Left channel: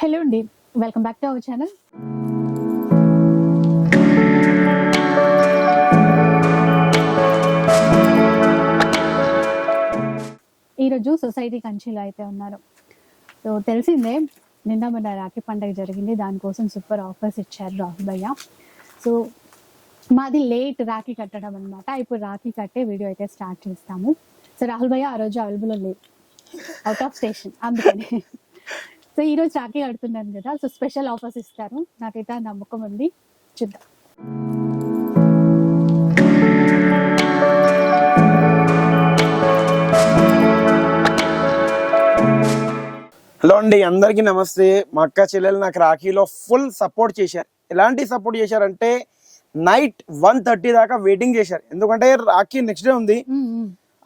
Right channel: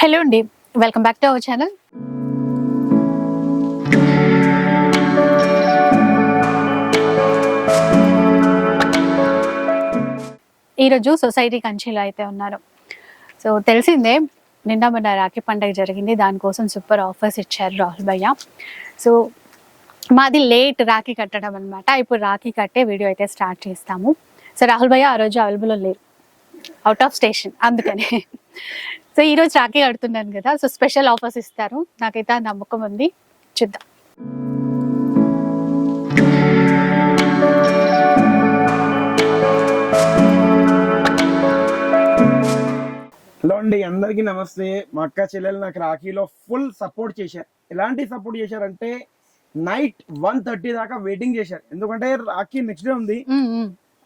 Hello అండి, welcome back to our channel. ఈరోజు society కంచిలో అయితే ఉన్నారు. సో తెలిసిందే, నిన్న మన రాఖీ పండుగ జరిగింది. దానికోసం సూపర్ ఆఫర్స్ ఇచ్చారు రాహుల్ భయ్య. సో మాది లేట్ రాఖీ కట్టడం అనమాట. ఇప్పుడు రాఖీ కట్టే వీడియో అయితే స్టార్ట్ చేస్తాము. సో రాహుల్ భయ్య ఆ రోజు అవైలబుల్ లేరు, అవుట్ ఆఫ్ స్టేషన్, అందుకని. సో ఈరోజు రాఖీ కడుతున్నాను కదా, సో స్పెషల్ ఆఫర్స్ ఇస్తారు. నాకైతే ఆ నమ్మకం ఉంది, చూద్దాం. హలో అండి, అందరికీ నమస్తే. మా అక్క చెల్లెలు నాకు రాఖీలో ఫుల్ సపోర్ట్ చేశారు. ఎలాంటి సపోర్ట్ చేశారంటే నైట్ 1:30 దాకా వెయిటింగ్ చేశారు. ఎందుకంటే రాఖీ నెక్స్ట్ డే ఉంది.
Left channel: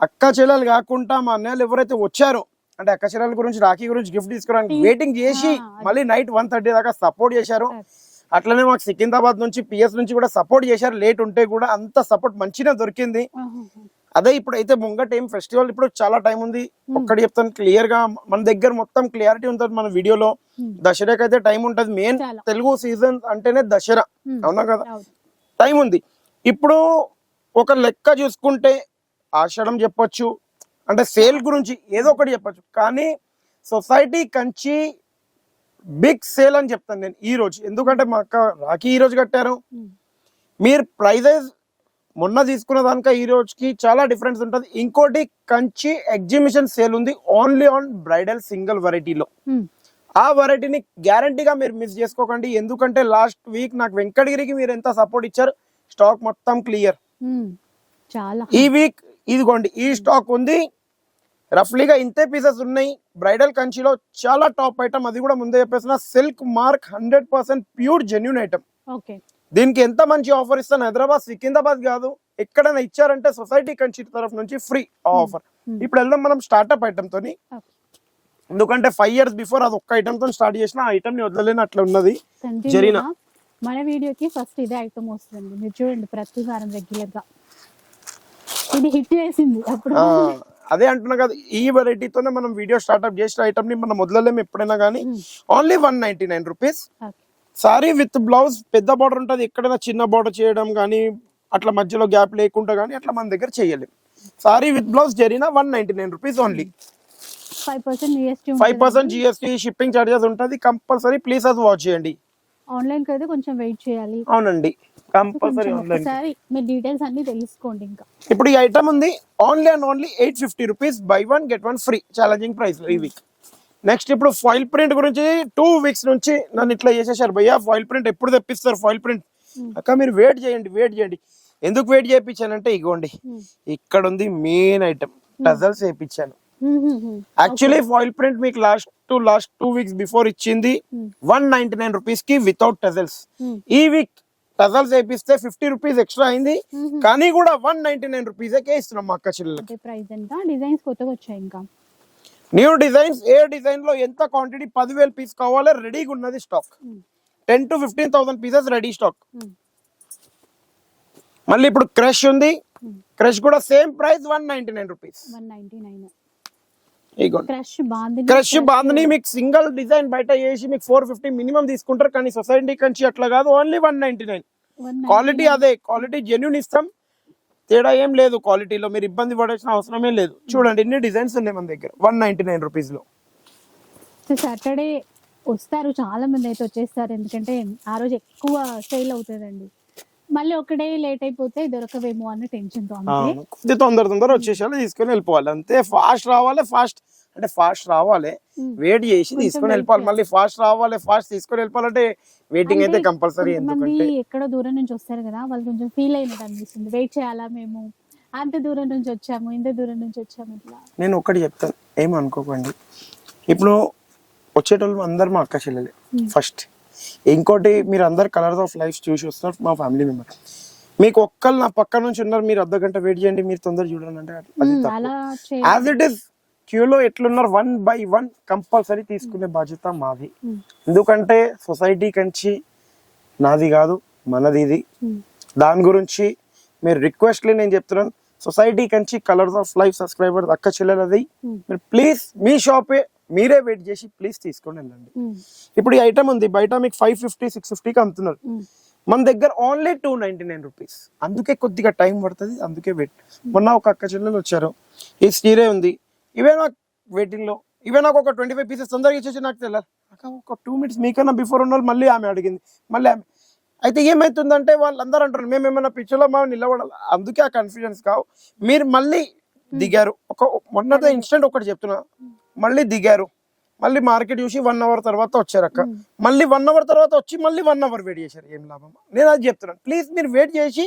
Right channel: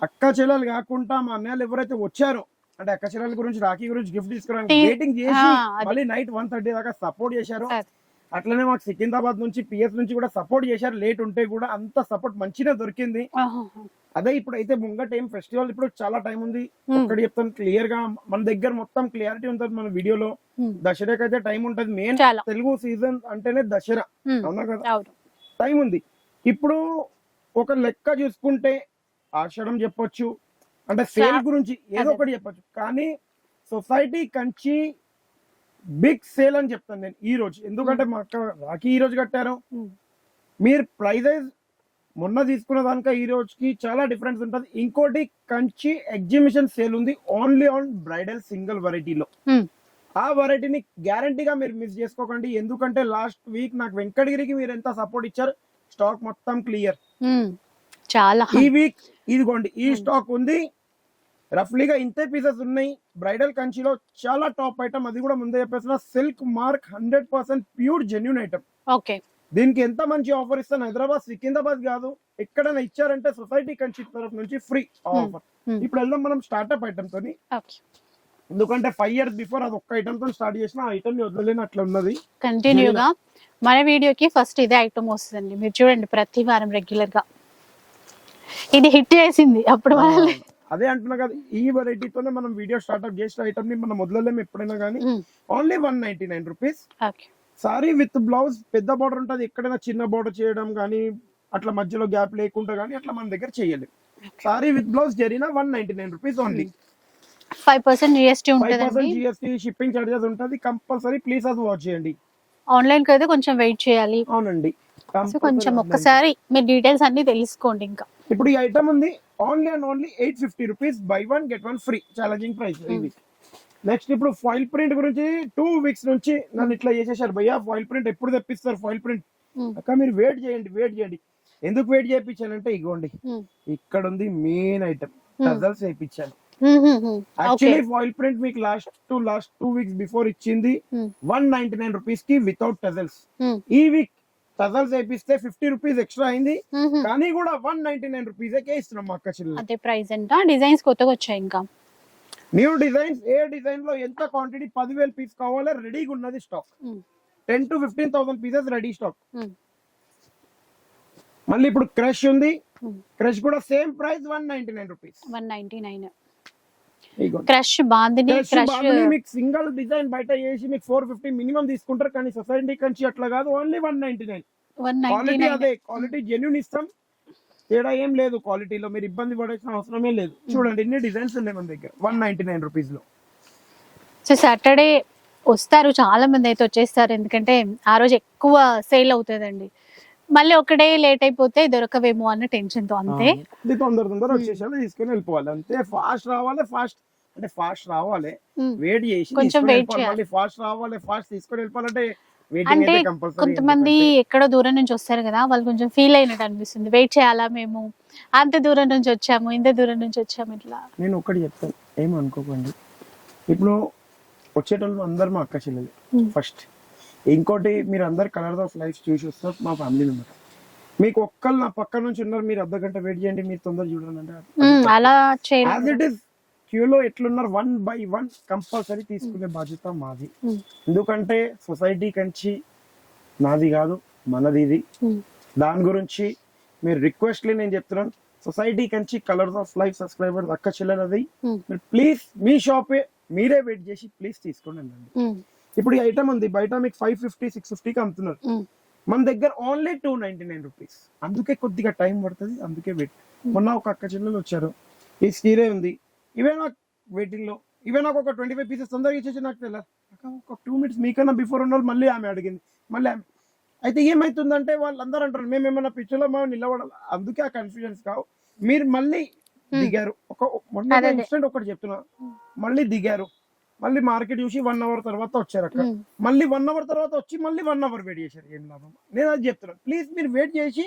అక్క చెల్లెలు కాకుండా మా అన్నయ్యలు ఎవరైతే వచ్చారో, అంటే అక్క చెల్లెల గురించి రాఖీ గురించి గిఫ్ట్ తీసుకోవడానికి వెయిటింగ్ చేసి మళ్ళీ నైట్ 1:30 దాకా సపోర్ట్ చేశారు. అట్లనే మాకు సికింద్రాబాద్ నుంచి పిఎస్ నుంచి కూడా సపోర్ట్ చేశారు. లేట్ ఉంటే కూడా అంత సపోర్ట్ మంచిగా దొరికింది. అదే ఇప్పుడైతే ముంగట ఏం ఫెస్టివల్, ఇప్పుడు చాలా టైం ఉంది. ఒక్కటి చెప్తాను క్లియర్ గా, మన దగ్గర మొత్తం క్లియారిటీ ఉంటుంది మన వీడియోలో. దసరాకి అయితే టైం ఉంటది. మెయిన్ తెలుగు సీజన్ అంటేనే దసరా, అవునా కదా, టైం ఉంది. ఇప్పుడు ఒక లెక్క చూసుకుంటే ఆషాఢం చెప్పొచ్చు, అంటే సేల్ గురించి ఏదో ఒకటి చెప్పొచ్చు. కానీ సొసైటీ కంచి బిగ్ సేల్ అని చెప్తాను నేను ఈ రోజు. ఎందుకంటే మా అక్క రాఖీ ఈ రోజు కట్టారు. మీరు ప్రైజెస్ మొన్న తీసుకున్న దానిక ఈ రోజుకి చాలా డిఫరెన్స్ ఉంటుంది. ఇంకోటి కంచి ఎగ్జిబిషన్ సేల్ ఉంది ఓన్లీ ఆన్ బ్రైడల్ సింగిల్ వెరైటీలో. ఆ వెరైటీని గ్యారంటీగా మీరు మిస్ చేసుకోకండి. ఎందుకంటే లాస్ట్ వీక్ నాకు వెంకటగిరికి మీరు ఎంత సపోర్ట్ ఇచ్చారు. స్టాక్ మొత్తం క్లియర్. చాలా ఈ వీక్ ఇదిగోండి, ఈ స్టాక్ ఉంది. రఫ్లీగా ఇంతే పీసెస్ ఉన్నాయి. బ్రైడల్ కంచిలో చాలా టాప్ ఐటమ్, అది కూడా ముందే చెప్పేసిన silk mark 100% pure genuine item. Okay, దీనికి ఎంత మంచి ఆఫర్ ఇస్తాను. హైదరాబాద్ సికింద్రాబాద్ కాదు, ఎక్కడైనా ఇచ్చారంటే సొసైటీ కంచి తరఫు నుంచి ఫ్రీ ఆఫర్. ఇప్పుడు వెళ్దాం మనం స్టార్ట్అప్ ఐటమ్ తోని. ఎందుకంటే 5 years బిఫోర్ అది ఒక్క ఐటమ్ తో స్టార్ట్ చేసిన, ఆ ఐటమ్ ని వదలలేని అట్లా ఉన్నది. కంటిన్యూగా మన వీడియోకి ఫస్ట్ ఇదే ఐటమ్ వస్తుందండి. మీరు చూడండి, ప్రతి వారం రెగ్యులర్ గా ఇది హిట్ చేసింది. అప్పుడు అదే అంటున్నా కదా, ఈ వెరైటీతోనే మనం వీడియో స్టార్ట్అప్ చేసిన ఐటమ్ ని మనం వదలలేము ఎప్పుడైనా కానీ. Only 199 rupees. Sorry with blouse, పెద్ద బార్డర్ ఉంటుంది. ఎక్కడైనా చిన్న బార్డర్ చేయడం కానీ, అట్లా మధ్యలో గ్యాప్ లేకుండా కానీ అట్లా మన దగ్గర చేయలేము. సారీ విత్ బ్లౌజ్ జరిగిన 199 rupees only. 5% GST shipping charges ఉంటుంది కంపల్సరీ. ప్లీజ్ అది వాచ్ చేయండి. ఆన్లైన్ కి అయితే కొంచెం వెయిట్ చేయాలి. అవునండి, కొంచెం ఒక్కసారి మీ డీటెయిల్స్ అన్ని తెలుసుకోండి. ఇంకా ఇప్పుడు ఈ ఐటమ్ ఉంది only and only 850 rupees. By 1 get 1 free. Challenging price ఈ వీక్. నెక్స్ట్ ఇప్పుడు ఫాయిల్ ప్రింట్ గురించి 2 weeks నుంచి నన్ను ఇట్లా చేసేసారు. భయ్యా ఫాయిల్ ప్రింట్ ఎప్పుడు తెప్పిస్తారు ఫాయిల్ ప్రింట్? అక్క మీరు వెయిట్ చేయండి. ఎందుకు వెయిట్ చేయించానంటే ఇగోండి, ఇక్కడ ఉంది మెయిన్ ఐటమ్. టజల్స్ వేయించాను. యాక్చువల్లీ ఫాయిల్ ప్రింట్ మీకు లాస్ట్ 2 weeks బిఫోర్ ఇచ్చింది 199 రూపీస్ కి వితౌట్ టజల్స్. ఈ వీక్ టజల్స్ వేపిస్తే 50 రూపీస్ ఎక్స్ట్రా అయింది. కానీ కూడా 199 రూపీస్ ఇస్తున్నాం మా అక్క చెల్లెలు. ప్రైస్ ఎంత? డిజైన్స్ కొత్తగా వచ్చాయి, ఇంకా న్యూ డిజైన్స్. ఏ డిజైన్ లో ఎంత క్వాంటిటీ 10,000 పీస్ కావాలి, రెడీగా ఉన్నది stock. 10,000 to 15,000 pieces ready stock. మళ్ళీ ఇప్పుడు క్రష్ ఉంది. క్రష్ కూడా same price 199 rupees. 199. Crush bandhani మీకు సింగిల్ డిజైన్ బయట చేసి మీకు 450 మినిమం తీసుకుంటారు. కానీ సొసైటీ కంచి అట్లా కాదు, ఓన్లీ 199. క్వాలిటీ అదే, క్వాలిటీ జెన్యూన్ ఇస్తాం. తేడా ఏం లేదు క్వాలిటీలో. మీరు ఇబ్బంది పడాల్సిన అవసరమే లేదు. చూడండి ఇన్ని డిజైన్స్ ఉన్నాయి మన దగ్గర 199 రూపీస్ లో. సో సాటర్డే వస్తారు, చాలా మంది అయితే వచ్చేస్తారు. ఎందుకంటే ఆ రోజు ఎక్కువ సేల్ అవుతుందండి. మళ్ళీ ఒకటే లేట్ అయిపోతే దొరకవేమో అన్న టెన్షన్ తో. అంతే, తొందర వచ్చేసాలి, తీసుకొని వెళ్ళిపోవాలి అంతే. ఫాస్ట్ రావాలి, వెయిట్ చేసి తీసుకొని వెళ్ళిపోవాలి. మళ్ళీ ఫాస్ట్ రావాలి, ఫాస్ట్ తీసుకొని వెళ్ళిపోవాలంటే వెయిటింగ్ అయితే కంపల్సరీ. కొంతమంది ఎక్కడో దూరం నుంచి వస్తారు కదా, వాళ్ళు కొంచెం ఫీల్ అయినట్టు అనిపిస్తుంది. వెయిట్ చేయాలా, మేము అంత దూరం నుంచి వచ్చాము, ఇంత దూరం నుంచి వచ్చాము ఇట్లా. నేను ఒకటి చెప్తాను, ఏమనుకోకండి. ఇప్పుడు వచ్చేటోళ్ళు అందరు మా అక్క చెల్లెలే ఫస్ట్. ఇంకోటి, మీరు అందరు కలర్స్ ఆఫ్ లైఫ్ చూసి వస్తారు మా ఫ్యామిలీ మెంబర్. మీకు ఒక్కళ్ళు నా పక్క నుంచి ఉన్నారు, మీరు అర్ధ గంట వెయిట్ చేయండి, మీరు తొందర చూడండి అంటే యాజ్ ఇట్ ఈస్ క్యూలో ఎట్లున్నారు 1 by 1 కంపల్సరీ తీసుకునే బాధ్యత మాది. ఎందుకంటే సొసైటీ కంచి నాది కాదు, మనది ఇది. దాని గురించి మీరు రిక్వెస్ట్లీ నేను చెప్తున్నాను, society Kanchi colours of life subscriber అక్క చెల్లెలది. ప్లీజ్ మీ షాపే మీరే వెయిట్ చేసి ప్లీజ్ తీసుకోండి వెళ్ళండి. ఇప్పుడు ఈ ఐటమ్ ఉంది బయట మీకు 550 650కి అమ్ముతున్నారు, మన దగ్గర ఓన్లీ 299 రూపీస్. అందుకే కొద్దిగా టైం పడుతుంది, అందుకే వెయిట్. మొన్న ఒక అక్క చెల్లెలు వచ్చారు, ఈ స్టీరే ఉంది, ఇవే నాకు వెయిటింగ్ లో, ఇవే నాకు ఒక 25 పీసెస్ తొందరగా ఇచ్చేసి నాకు తెలియదు, ఒక 2 minutes మీకన్నా బిఫోర్ ఉన్న వాళ్ళు మళ్ళీ ఆమె అడిగింది, మళ్ళీ ఆమె. అయితే ఏమైతుందంటే వాళ్ళందరూ అంటారు మేము ఏమైనా పిక్చర్లో మనం నిలబడాలి, అందుకే ఆ కన్ఫ్యూజన్స్ కావు. మీరు మళ్ళీ దిగారు, మొన్నదే ఇన్స్టెంట్ ఒకటి చెప్తున్నా, మళ్ళీ దిగారు, మళ్ళీ మార్కెట్ చూసి 1 hour తర్వాత వచ్చారు అక్క, మళ్ళీ 1 hour తర్వాత వచ్చి మళ్ళీ 1 hour వెయిట్ చేశారు, ఏం లాభం? నేను అది చెప్తున్నాను, ప్లీజ్ మీరు వెయిట్ చేసి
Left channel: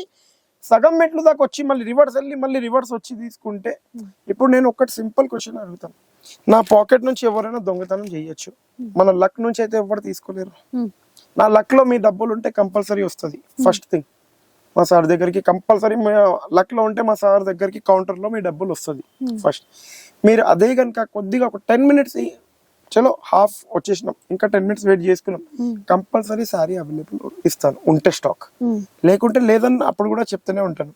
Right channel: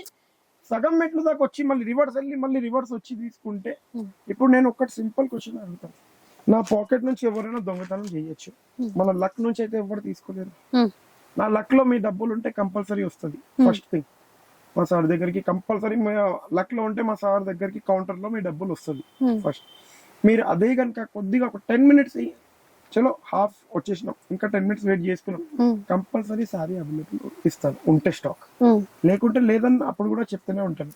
సగం మెట్లు దాకా వచ్చి మళ్ళీ రివర్స్ వెళ్ళి మళ్ళీ రివర్స్ వచ్చి తీసుకుంటే. ఇప్పుడు నేను ఒకటి సింపుల్ క్వశ్చన్ అడుగుతాను, నా పాకెట్ నుంచి ఎవరైనా దొంగతనం చేయొచ్చు, మన లక్ నుంచి అయితే ఎవరు తీసుకోలేరు. నా లక్ లో మీ డబ్బులు ఉంటే కంపల్సరీ వస్తుంది. ఫస్ట్ థింగ్, మా సార్ దగ్గరికి కంపల్సరీ లక్ లో ఉంటే మా సార్ దగ్గరికి కౌంటర్ లో మీ డబ్బులు వస్తుంది. ఫస్ట్ మీరు అదే కనుక కొద్దిగా ఒక 10 minutes చలో హాఫ్ వచ్చేసినాం, ఇంకా 10 minutes వెయిట్ చేసుకున్నాం, కంపల్సరీ సారీ అవైలబుల్ ఇస్తాను ఉంటే స్టాక్, లేకుంటే లేదని అప్పుడు కూడా చెప్తూనే ఉంటాను.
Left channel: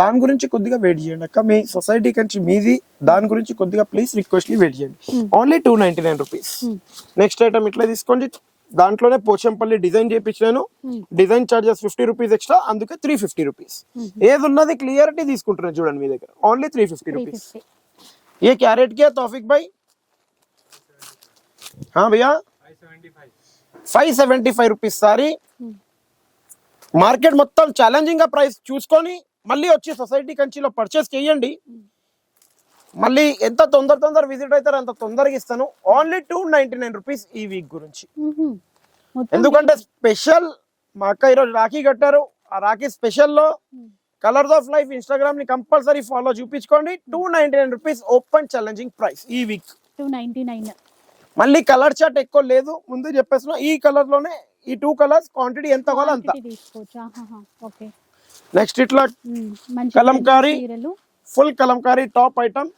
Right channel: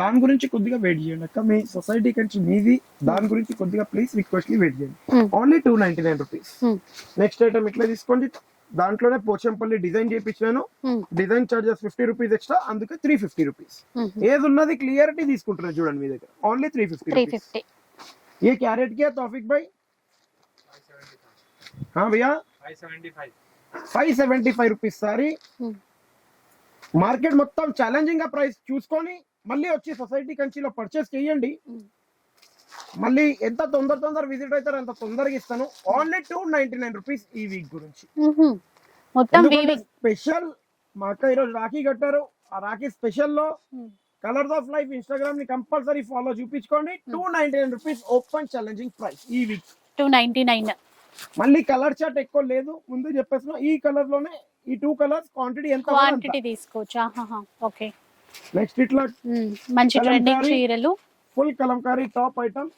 దాని గురించి కొద్దిగా వెయిట్ చేయండి అక్క, మీ సొసైటీ కంచి మీది, దాని గురించి కొద్దిగా ప్లీజ్ రిక్వెస్ట్లీ వెయిట్ చేయండి. Only 299 rupees. నెక్స్ట్ ఐటమ్ ఇట్లా తీసుకోండి, దాంట్లోనే పోచంపల్లి డిజైన్ చేయించాను, డిజైన్ చార్జెస్ 50 రూపీస్ ఎక్స్ట్రా, అందుకే 350 రూపీస్. ఏది ఉన్నది క్లియరిటీ తీసుకుంటున్నాను చూడండి మీ దగ్గర, ఓన్లీ 350 రూపీస్. ఏ క్యారెట్ కే తౌఫిక్ భాయ్? हाँ भैया 575 రూపీస్ సారీ. మార్కెట్ మొత్తం ఛాలెంజింగ్ గా ప్రైస్ చూసుకొని మళ్ళీ వచ్చి సొసైటీ కంచిలో పర్చేస్ చేయండి. మళ్ళీ ఎంత తొందర విజిట్ అవుతారో అంత తొందరగా ఇస్తాను. ఓన్లీ 299 రూపీస్ ఈ వీక్ గురించి. ఎందుకంటే స్పెషల్ మా అక్క ఈరోజు రాఖీ కట్టారు, ఆ రాఖీ స్పెషల్ లో కలర్స్ ఆఫ్ లైఫ్ ఇన్స్టాగ్రామ్ ని కంపల్సరీ ఫాలో చూపించుకోండి. 299 రూపీస్ ఓపెన్ ఛాలెంజింగ్ ప్రైస్ ఈ వీక్. 299. మళ్ళీ కలర్ చార్ట్ ఎక్కువ లేదు, ముందు చెప్పేస్తున్నా, ఈ కలర్ లోనే ఈ 2 కలర్స్ క్వాంటిటీ ఎంత ఓకే. నెక్స్ట్ ఇట్లా Kalamkari, full Kalamkari top item,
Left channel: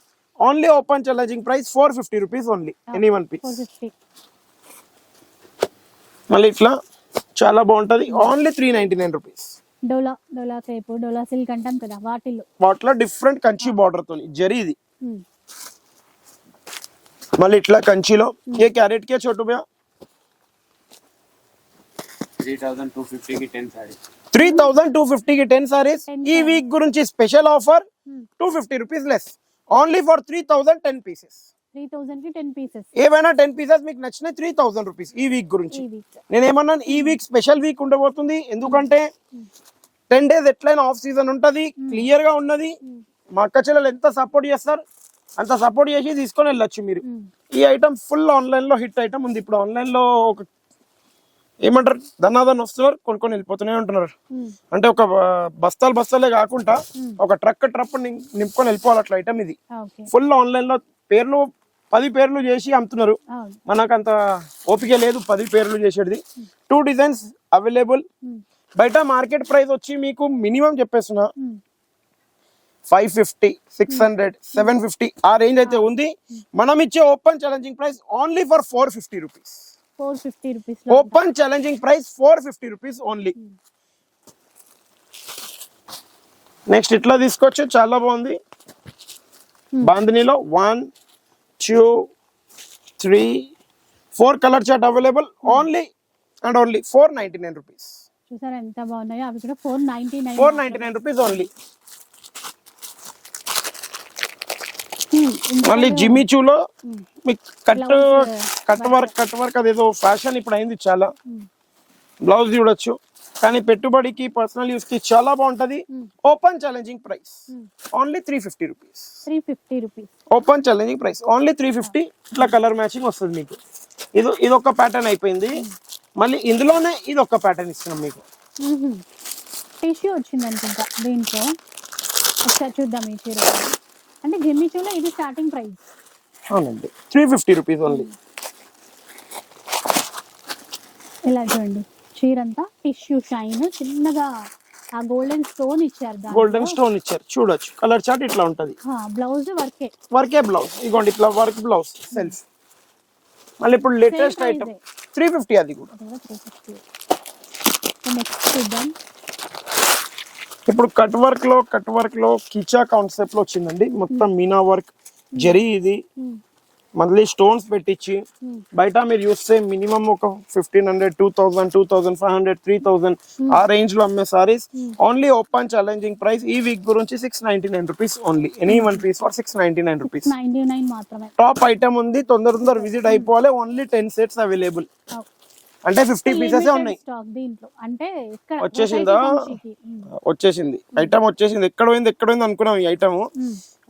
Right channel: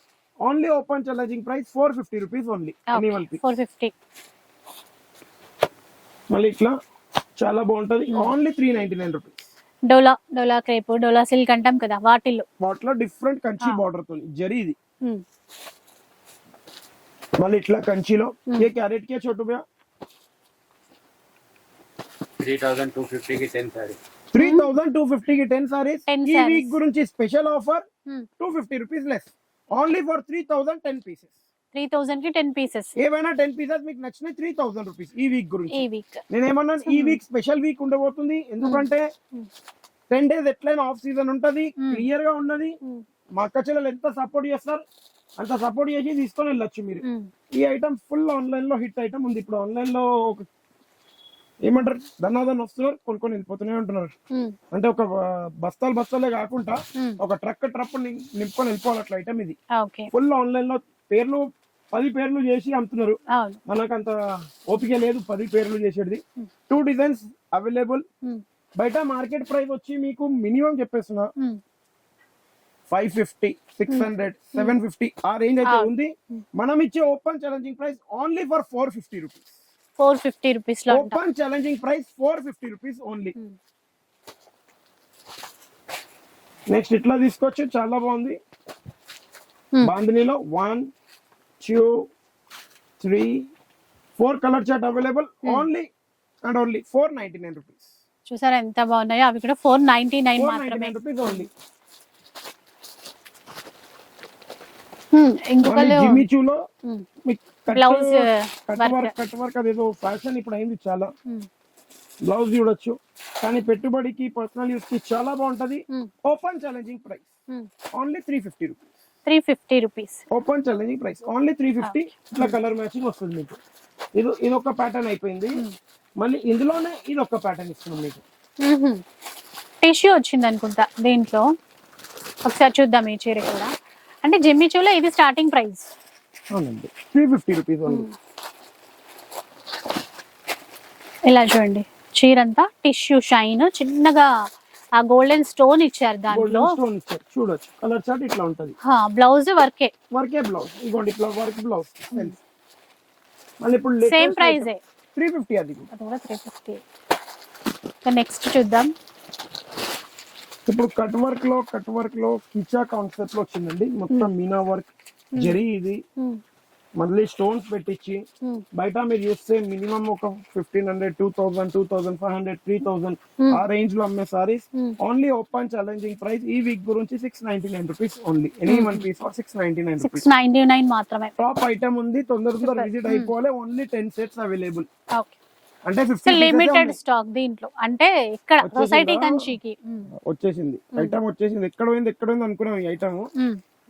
only open challenging price 450 rupees only, any one piece 450. మళ్ళీ ఇట్లా చాలా బాగుంటది, only 399 rupees. Dola crepe, Dola silk అంటాం కదా, వాటిలో డిఫరెంట్ కంచి బార్డర్ తో జరీ ఇది. మళ్ళీ ఇట్లా కంచిలో ఏ క్యారెట్ కే చోటు భయ్యా 3250 కి 10 సారీస్, 3250 కి 10 సారీస్. ఈ వీక్ గురించి special offer 250 rupees less, only for 3010 pieces. 3000 కి 10 పీసెస్, ఏవైనా 10 పీసెస్ మీకు నచ్చిన 3000 రూపీస్ ఈ వీక్ గురించి. నేను ఏమన్నాను, ఈ వీక్ స్పెషల్ వీక్ ఉండబోతుంది, ఎందుకంటే 10 days ఎట్లయినా ఆఫ్ సీజన్ ఉంటది, క్లియర్ గా ఉన్నది. మా అక్క చెల్లెలు ఎంత సపోర్ట్ చేస్తారు అంత సపోర్ట్ చేసి తీసుకొని వెళ్ళొచ్చు మీరు. ఈ ఐటమ్ ఫుల్ ఆన్లైన్ లో హిట్ ఐటమ్ ఉంది. ఇప్పుడు ఆన్లైన్ లో ఒక ఏమంటారు ధనాదన్ వస్తున్నారు, కొనుక్కొని వెళ్ళిపోతూనే ఉంటున్నారు. అంటే ఒక బస్తాలే కాకుండా ఒక ట్రక్ నింపుకొని వెళ్ళిపోవాలి అట్లా ఐటమ్ ఇది. ఫుల్ ఆన్లైన్ లో 10 పేర్లు చేసి అమ్ముతున్నారు, మనకు అంత ఓపిక లేదు 10 పేర్లు చేసేది. 2 డిజైన్స్ అవైలబుల్. బయట మార్కెట్ ప్రైస్ వచ్చి మీకు మినిమం చెప్పేస్తున్నా 550, 600, 750 ఆ రేంజ్ అయితే ఉంది. మనం ఇచ్చే open challenging price only for 450 rupees. 450 rupees open challenging price 450 rupees only. Next ఇట్లా తీసుకోవచ్చు, చాలా బాగుంది. బాందినీలో 1, 2, 3, 4 colour chart available, only and only 499 rupees. చూసారా ఎంత బాగున్నాయో అవి కూడా 499 రూపీస్ ఓన్లీ. మళ్ళీ జిమ్మిచూలో మీకు కట్ వర్క్ అదేదో ఫ్యాషన్ ఇప్పుడు అయింది చాలా. బ్లౌజ్ చూడొచ్చు, కానీ పెట్టుబడికి పర్సనల్ యూస్ కి చాలా బాగుంటది. Open challenging price only 350 rupees. 350 rupees open challenging price only 350. ఇట్లా కలర్ మ్యాచింగ్ వస్తుంది మీకు. ఇది ఒక ప్యాటర్న్ అయిపోయింది, మళ్ళీ ఇందులోనే ఇది ఒక ప్యాటర్న్ ఇస్తున్నాం మీకు. టిష్యూ వచ్చింది అనుకుంటా దీంట్లో, ఒకసారి చూద్దాం ఈ చీర కూడా. అంటే జిమ్మిచూలో ఇది స్టార్టింగ్ ప్రైస్. అవునండి, 350 రూపీస్ ఓన్లీ. ఇలా చూడండి, చీరంతా టిష్యూ షైన్, చిన్నగా ఆ గోల్డెన్ స్టోన్ ఇచ్చారు, గోల్డెన్ స్టోన్ ఇచ్చారు చూడొచ్చు. కలర్ చార్ట్ ఇట్లా ఉంటది. బ్లౌజ్ వర్కే బ్లౌజ్, ఇగోండి ఇట్లా వర్క్ బ్లౌజ్ సెల్ఫ్. మళ్ళీ ఇప్పుడు లేటెస్ట్ 350, అది కూడా 350. నెక్స్ట్ చూద్దాం. ఇప్పుడు కట్ వర్క్ లో కిచా కాన్సెప్ట్ లో వచ్చిందండి. మొత్తం మీనా వర్క్ జరీ, ఇది మళ్ళీ స్టోన్స్ పెట్టించి బయట మీరు చూస్తే మినిమం ఒక 1500, 2000, 2500, 3000 ఆ రేంజ్ లో అమ్మే saris only open challenging price ఈ వీక్ గురించి 699 rupees only. Any one piece for 699 rupees. 699 మాత్రమే. టాప్ ఐటమ్ ఉంది, తొందర విజిట్ అయిపోవాలి. Only 10 sets available. అంటే 50 లిమిటెడ్ స్టాక్ దీంట్లో. అంటే ఇక్కడ సొసైటీ కంచికి వచ్చేసింది ఐటమ్ వచ్చేసింది. ఎక్కడ పోయింది అనుకున్నాం ఈ ఐటమ్.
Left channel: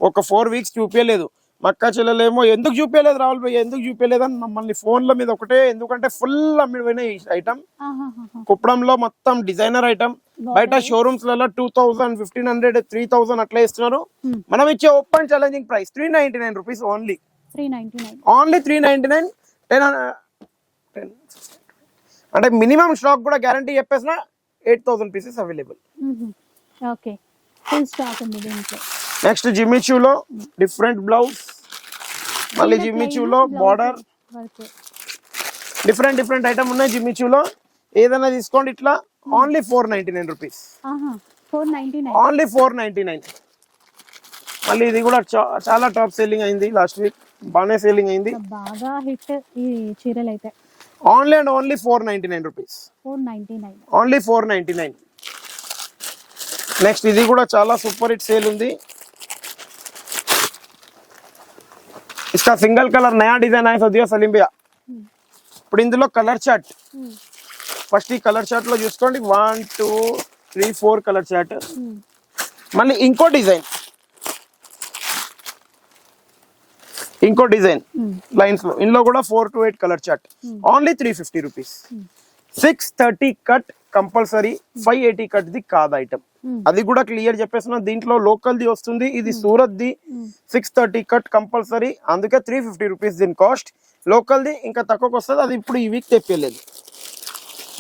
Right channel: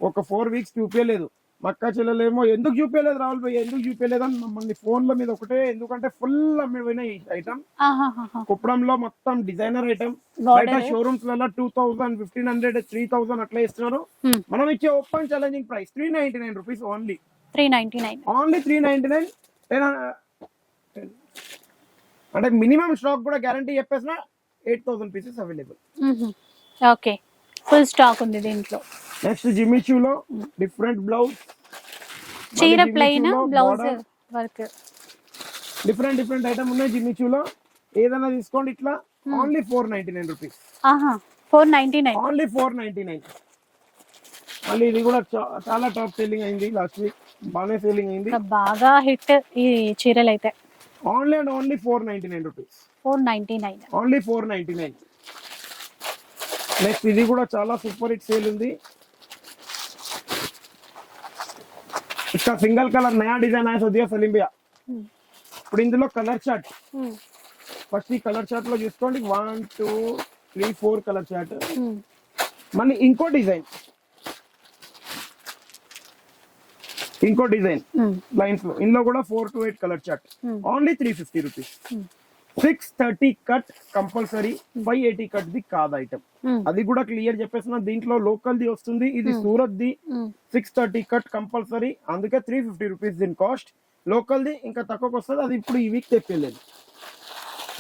ఒక 4 వీక్స్ చూపించలేదు. మక్క చెల్లెలేమో ఎందుకు చూపించలేదు రాహుల్ భయ్య, ఎందుకు చూపించలేదు అని మమ్మల్ని ఫోన్ల మీద ఒకటే. ఎందుకంటే ఫుల్ అమ్మిపోయినాయి ఈ ఐటమ్. కుప్పడంలో మొత్తం డిజైనర్ ఐటమ్. బయట షోరూమ్స్ లలో 2000, 1500, 3000 అట్లా ఇస్తున్నారు. మనం ఇచ్చే open challenging price 399 rupees only. 399 only 399. 10 అంటే మినిమం స్టాక్ కూడా గ్యారంటీ చెప్పేసిన 8000 pieces available. Okay, full stock ఉంది దీంట్లో. నెక్స్ట్ జిమ్మిచూలో డిఫరెంట్ బ్లౌజ్, మళ్ళీ జిమ్మిచూలో బార్డర్ వర్క్, డిఫరెంట్ ఐటమ్ ఉన్నాయి జిమ్మిచూలో. ఏదైనా తీసుకోండి ఇట్లా. Only 499 rupees. 499 ఓన్లీ 499. మళ్ళీ ఇది కూడా చాలా టాప్ సేలింగ్ అయింది లాస్ట్ వీక్, బాగానే సేలింగ్ అయింది, బాగా హిట్ ఈ చీరలు అయితే. Only and only 499 rupees. 499 only 499. Next ఇది కూడా చాలా సూపర్ హిట్ సేల్ ఉంది. इसका सिंगल कलर नया डिजाइन आया सदिया सलीम भैया. ఇప్పుడు ఇందులో కలర్ చార్ట్. ఫస్ట్ ఈ కలర్ చార్ట్ లో చూసుకోండి 1 2 3 4 కలర్ చార్ట్. మళ్ళీ ఇంకో డిజైన్ లైన్స్ లో. ఇందులో కూడా 4 to 8 colour chart. Only 350 rupees. 630 cut compulsory, 580 cut the కాదు ఐటమ్. అది కూడా క్లియర్ చెప్పేస్తున్నా. దీంట్లో లోకల్ ది వస్తుంది, ఇది సూరత్ ది. 630 కట్ కంపల్సరీ, అందుకే 350 రూపీస్ దీని కాస్ట్. లోకల్ ది ఇంకా తక్కువకి వస్తుంది. అది ఇప్పుడు ఈ వీక్ తెప్పలేదు,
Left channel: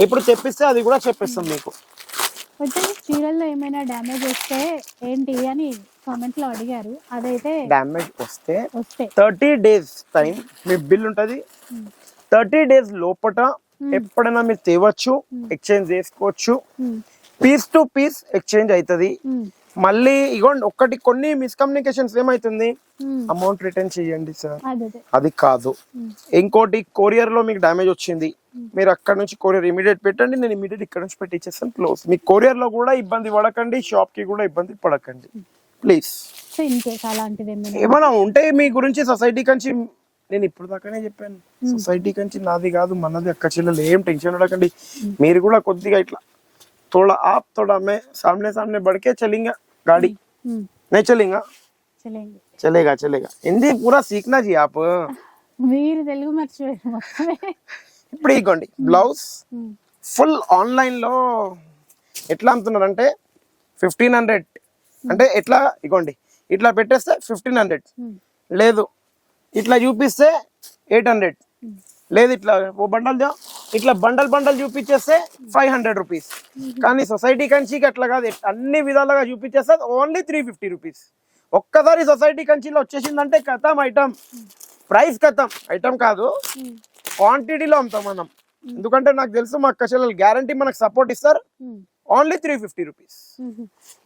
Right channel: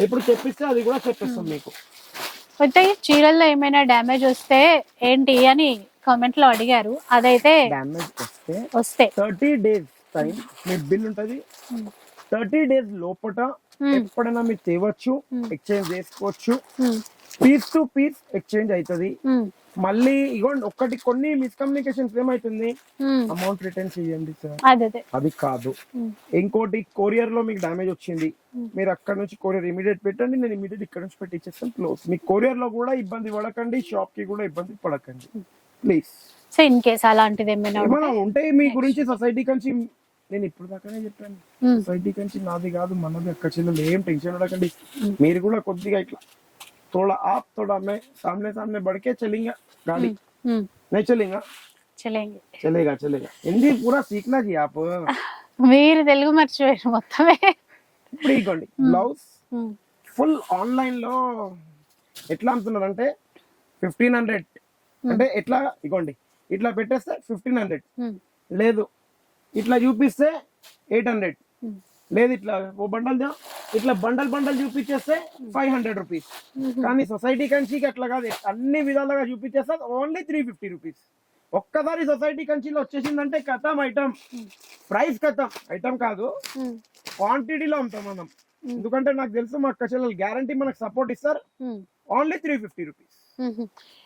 ఇప్పుడు తెప్పిస్తే అది కూడా చెప్పేస్తాం మీకు. అయితే చీరల్లో ఏమైనా డ్యామేజ్ వస్తే ఏంటి అని కామెంట్ లో అడిగారు. అదైతే డ్యామేజ్ వస్తే 30 days టైం మీ బిల్ ఉంటది. 30 days లోపట ఎప్పుడైనా మీరు తేవచ్చు, ఎక్స్చేంజ్ చేసుకోవచ్చు. పీస్ టు పీస్ ఎక్స్చేంజ్ అవుతుంది. మళ్ళీ ఇగోండి కొన్ని మిస్కమ్యూనికేషన్స్ ఏమైతుంది, అమౌంట్ రిటర్న్ చేయండి సార్, అది కాదు. ఇంకోటి కొరియర్ లో మీకు డ్యామేజ్ వచ్చింది, మీరు అక్కడ నుంచి కొరియర్ ఇమీడియట్ పెట్టండి, నేను ఇమీడియట్ ఇక్కడ నుంచి పెట్టించేస్తాను, క్లోజ్. మీకు కొరియర్ లో కూడా ఇబ్బంది పడకండి, షాప్ కి కూడా ఇబ్బంది పడకండి ప్లీజ్. సో ఇన్ కేస్ అలాంటిది ఏమైనా ఉంటే మీ గురించి సొసైటీ కంచి నేను ఇప్పుడు దాకానే చెప్పాను, సొసైటీ కంచి నాది కాదు మనది. అక్క చెల్లెలు ఏం టెన్షన్ పడకండి. మీరు కూడా కొద్దిగా ఇట్లా थोड़ा आप थोड़ा मैं सामने बढ़ के चलेंगे गाड़ी, नहीं चलेगा, चलेगा. हिंदी पूरा सीखना जी आप. మీరు తెలుగు మర్చిపోయారు మొత్తమే. ఇప్పుడు ఇగోండి బ్లౌజ్ ఫుల్ ఆన్లైన్ లో ఎట్లా అమ్ముతున్నారంటే 1500 అంటే ఎట్లా ఇగోండి ఇట్లా పెట్టేస్తే 1500, లేదు ఇట్లా చూపిస్తే 800, లేదు ఇట్లా ఓ బండల్ ఇట్లా బండల్ చూపించేస్తే 500 రూపీస్. కానీ సొసైటీ కంచికి అట్లా కాదు, అన్ని విధాలుగా చూపించేస్తే ఓన్లీ 350 రూపీస్. ఒక్కసారి సొసైటీ కంచిలో వచ్చేసిందంటే కథం ఐటమ్, ప్రైస్ కథం. ఐటమ్ కాదు, క్వాంటిటీలో అమ్ముతాం మనం. ఎందుకంటే నాకు తెలుసు మా అక్క చెల్లెలు గ్యారంటీ మనకు సపోర్ట్ ఇస్తారు. Only 350 rupees.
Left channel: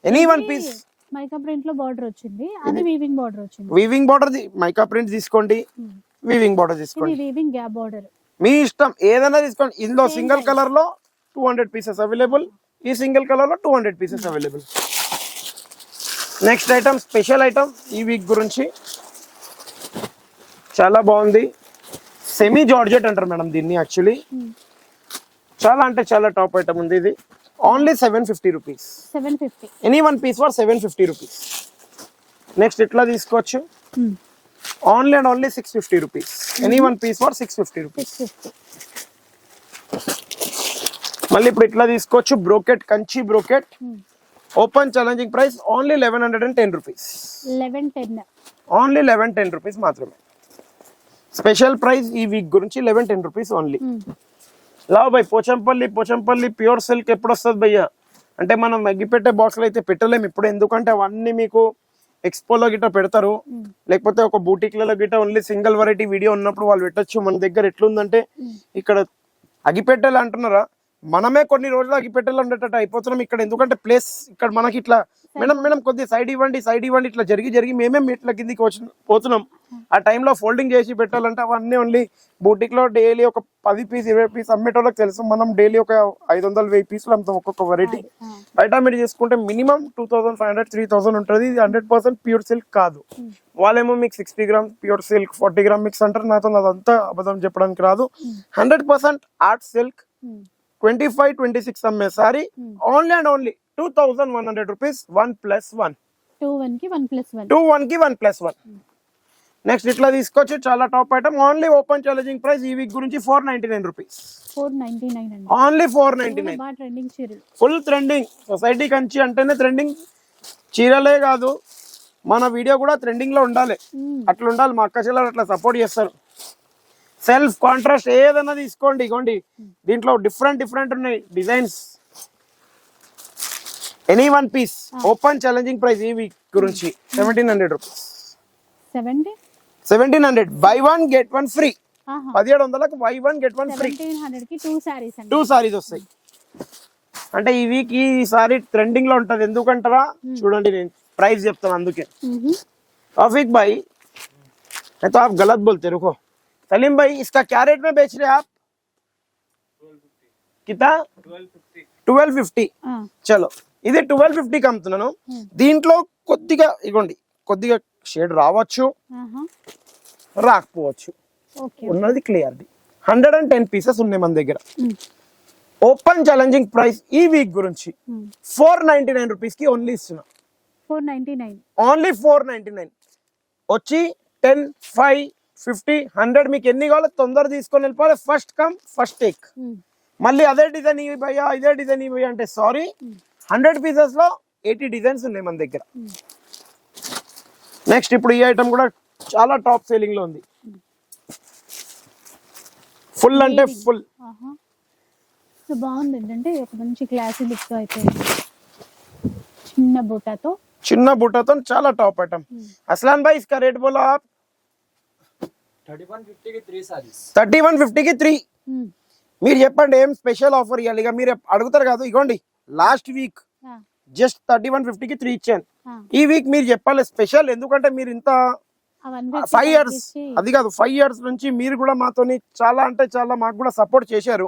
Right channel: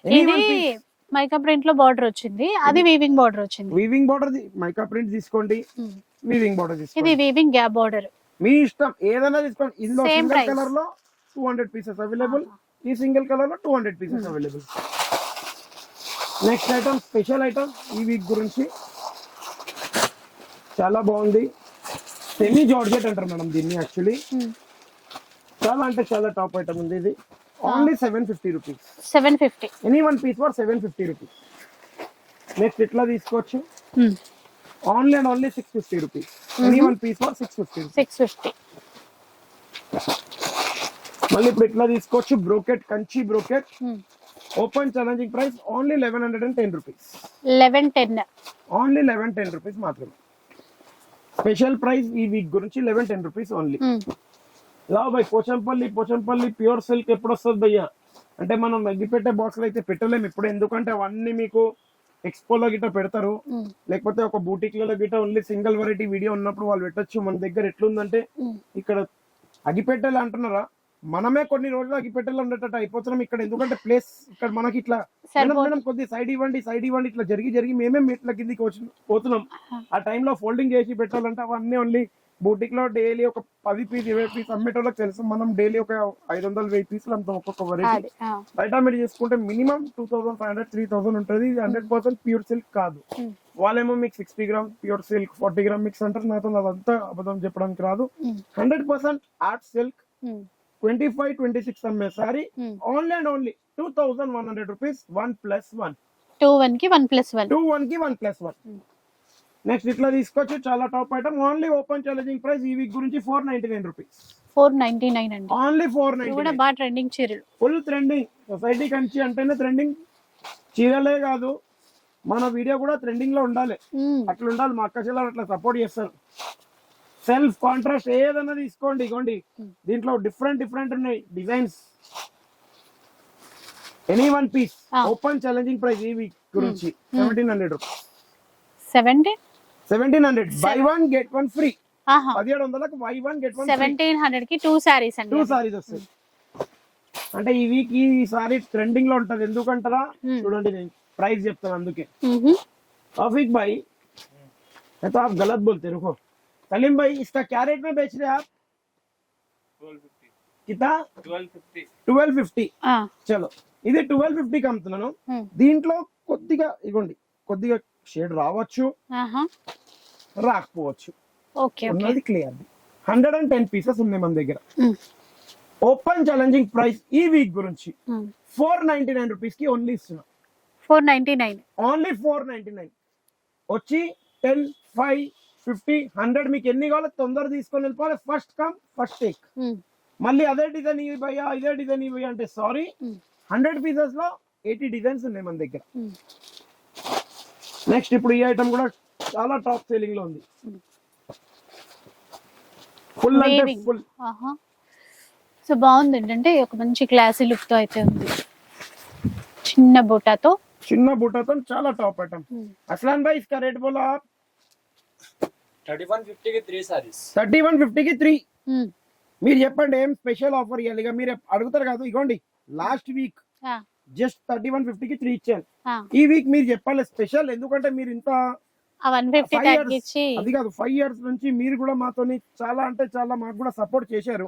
Any one piece. Mica print లో బార్డర్ వచ్చింది, అది వీవింగ్ బార్డర్ వచ్చింది. వీవింగ్ బార్డర్ మైకా ప్రింట్ తీసుకోండి, వీవింగ్ బార్డర్ తీసుకోండి, ఇది వీవింగ్ గ్యాప్ బార్డర్ మీ ఇష్టం ఏదైనా తీసుకోండి. ఇందులో సింగిల్ కలర్ లో 200 పీసెస్ అవైలబుల్, ఈ సింగిల్ కలర్ లో 200 pieces available. Next item special item ఈ వీక్ గురించి చాలా బాగుంది. సెమీ జార్జెట్ అంటారు మేడం దీన్ని. యాక్చువల్లీ చాలా అంటే చాలా టాప్ ఐటమ్ ఉంది ఇది. Only 750 rupees. 750 any one piece for 750 rupees. Next ఇట్లా తీసుకోవచ్చు, only and only 650 rupees. Any one piece for 650 rupees. 650. మళ్ళీ ఇప్పుడు ఇట్లా తీసుకోవచ్చు, brocade, Kanchi brocade. Open challenging price only 1110 rupees. 1110 only 1110 rupees మాత్రమే. స్పెషల్ ప్రైస్ ఈ వీక్ గురించి 1110 రూపీస్ ఓన్లీ. లావు భయ్ పోచంపల్లి ప్యూర్ సిల్క్ ఎప్పుడు వస్తుంది భయ్య అంటే మనం మగ్గిపెట్టే బాక్స్ లో అయితే పెట్టలేము ఇప్పుడు, ఎందుకంటే అవన్నీ మీకు ఎక్స్పోలో గిట్ట పెడతారు, లేకపోతే ఒక బూటిక్లలో గిట్ట ఓన్లీ సింగిల్ వెరైటీ వీడియో ఉన్నప్పుడు వాళ్ళు పెట్టచ్చు. మన దగ్గర ఎట్లుందంటే ఇక్కడ అగిపెట్టేలా అంటున్నారా, మనమే కొన్ని రోజులు అగ్గిపెట్టెలు ఉండేటట్టు అయిపోతున్నాం ఇక్కడ. ఎందుకంటే ప్లేస్ ఇక్కడ మనకి ఇట్లా మేడం కొద్ది సైడ్ ఇవ్వండి ఇట్లా జరిగి మేమే మీట్ల కిందికి పోతున్నాం. ఆ టైంలో ఫోల్డింగ్ చేసి పెట్టాలంటే అవన్నీ ఓన్లీ బూటిక్ లో డైలీ ఒక 10 పీస్ 20 పీస్ అమ్మేటోళ్ళకి తెలుసు. మనం డైలీ ఒక 500-1000 పీసులు అమ్ముతాం ఒక్కొక్క వెరైటీ. బయట మీరు చేసుకుంటే మినిమం 2500-3000 ఉంటుంది. ఇది 100% ప్యూర్ సిల్క్ కాదు. వాళ్ళేమో మీకు 60 gram pure silk 40 gram mix అంటారు. నాతో అదంతా అబద్ధం చెప్పడానికి రాదు. 100% ఆర్ట్ సిల్క్ 25-26 అమ్మే sorry only and only 2100 rupees 1+1. 2 కి 1+1. 2 కి 1+1. నెక్స్ట్ ఇట్లా తీసుకొచ్చి చాలా top item only open challenging price ఈ వీక్ గురించి 499 రూపీస్. 499 అండి. ఓన్లీ కూడా 499. బాగా ట్రెండింగ్ చీరలు. Full trending. సొసైటీ కంచి అంటేనే ట్రెండింగ్. చీరలే కాదు మన వీడియో కూడా ట్రెండింగ్ లో ఉండాలి. అట్లా ఉండాలి. మా అక్క చెల్లెలు అట్లా సపోర్ట్ చేస్తారు. సెల్ఫ్ కాంట్రాస్ట్ ఏదైనా తీసుకోండి. ఇగోండి దీంట్లో డిఫరెంట్ ఉన్నాయి designs. Any one piece open challenging price ఈ వీక్ గురించి 1700 రూపీస్. 1700 buy 1 get 1 free. 1700కి బై 1 గెట్ 1 ఫ్రీ. 1700 కి 2 సారీస్ అండి. 2 సారీస్ వస్తాయి. అంటే ఈ వీక్ ఈ సారీ ట్రెండింగ్ లో ఉంటది. ఎందుకంటారా చూడండి నేను ప్రైస్ చెప్తాను అందుకే. तौफीक भाई मैं तो आप गलत बोलते रुको. सलीम भाई इसका क्या रेट में बेच रहे हैं आप? 1250. कितना? 1250. 1250. చలో ఇది 1250 కి అమ్ముతున్నాను. దీంట్లో కొద్దిగా ఇగోండి కొద్దిగా షేడ్ రావచ్చు రాకపోవచ్చు. ఉన్నది క్లియర్. 110 పీసెస్ ఉన్నాయి మన దగ్గర. ఓపెన్ ఛాలెంజింగ్ ప్రైస్ ఈ వీక్ గురించి 499 రూపీస్ కి ఓన్లీ ఇస్తున్నా. 499 ఓన్లీ 499. వచ్చి 10, 5, 50, 100 మీకు ఎన్ని కావాలో తొందర తీసుకొని వెళ్ళిపోవాలి. First come first take. మళ్ళీ అదే డిజైన్ ఇవి భయ్యా ఇదే డిజైన్ ఇవి అంటే సారీ. 100 పీసెస్ లో 80 డిజైన్స్ ఉన్నాయి మన దగ్గర. నెక్స్ట్ ఇప్పుడు ఈ ఐటమ్ కూడా చాలా టాప్ సేలింగ్ లో ఉంది. ఫుల్ అంటే ఫుల్. సో బాగుంది. ఏంటంటే ఒక మంచి క్లాసీ లుక్ తో అయితే ఉంది. చిన్న బుట్టాతో చాలా టాప్ ఐటమ్. అస్లాన్ భాయ్ ఇస్కా రేట్ బోలో ఆప్. 3150 की 3 सारीस. 3150 की 3. మీరు చెప్పండి ఏం స్పెషల్ ఆఫర్ ఇవ్వాలి. ఇక మీరు అడుగుతారు కాదు. ఇగోండి లాస్ట్ వీక్ జస్ట్ 3150 కి 3 ఇచ్చాను. ఈ వీక్ మీరు చెప్పాలి స్పెషల్. ఎందుకంటే మీరు ఇంత 5 ఇయర్స్ అది కాదు 5 ఇయర్స్ నుంచి మీరు కూడా మాతోని చాలా అంటే చాలా మాకు కూడా సపోర్ట్ చేశారు.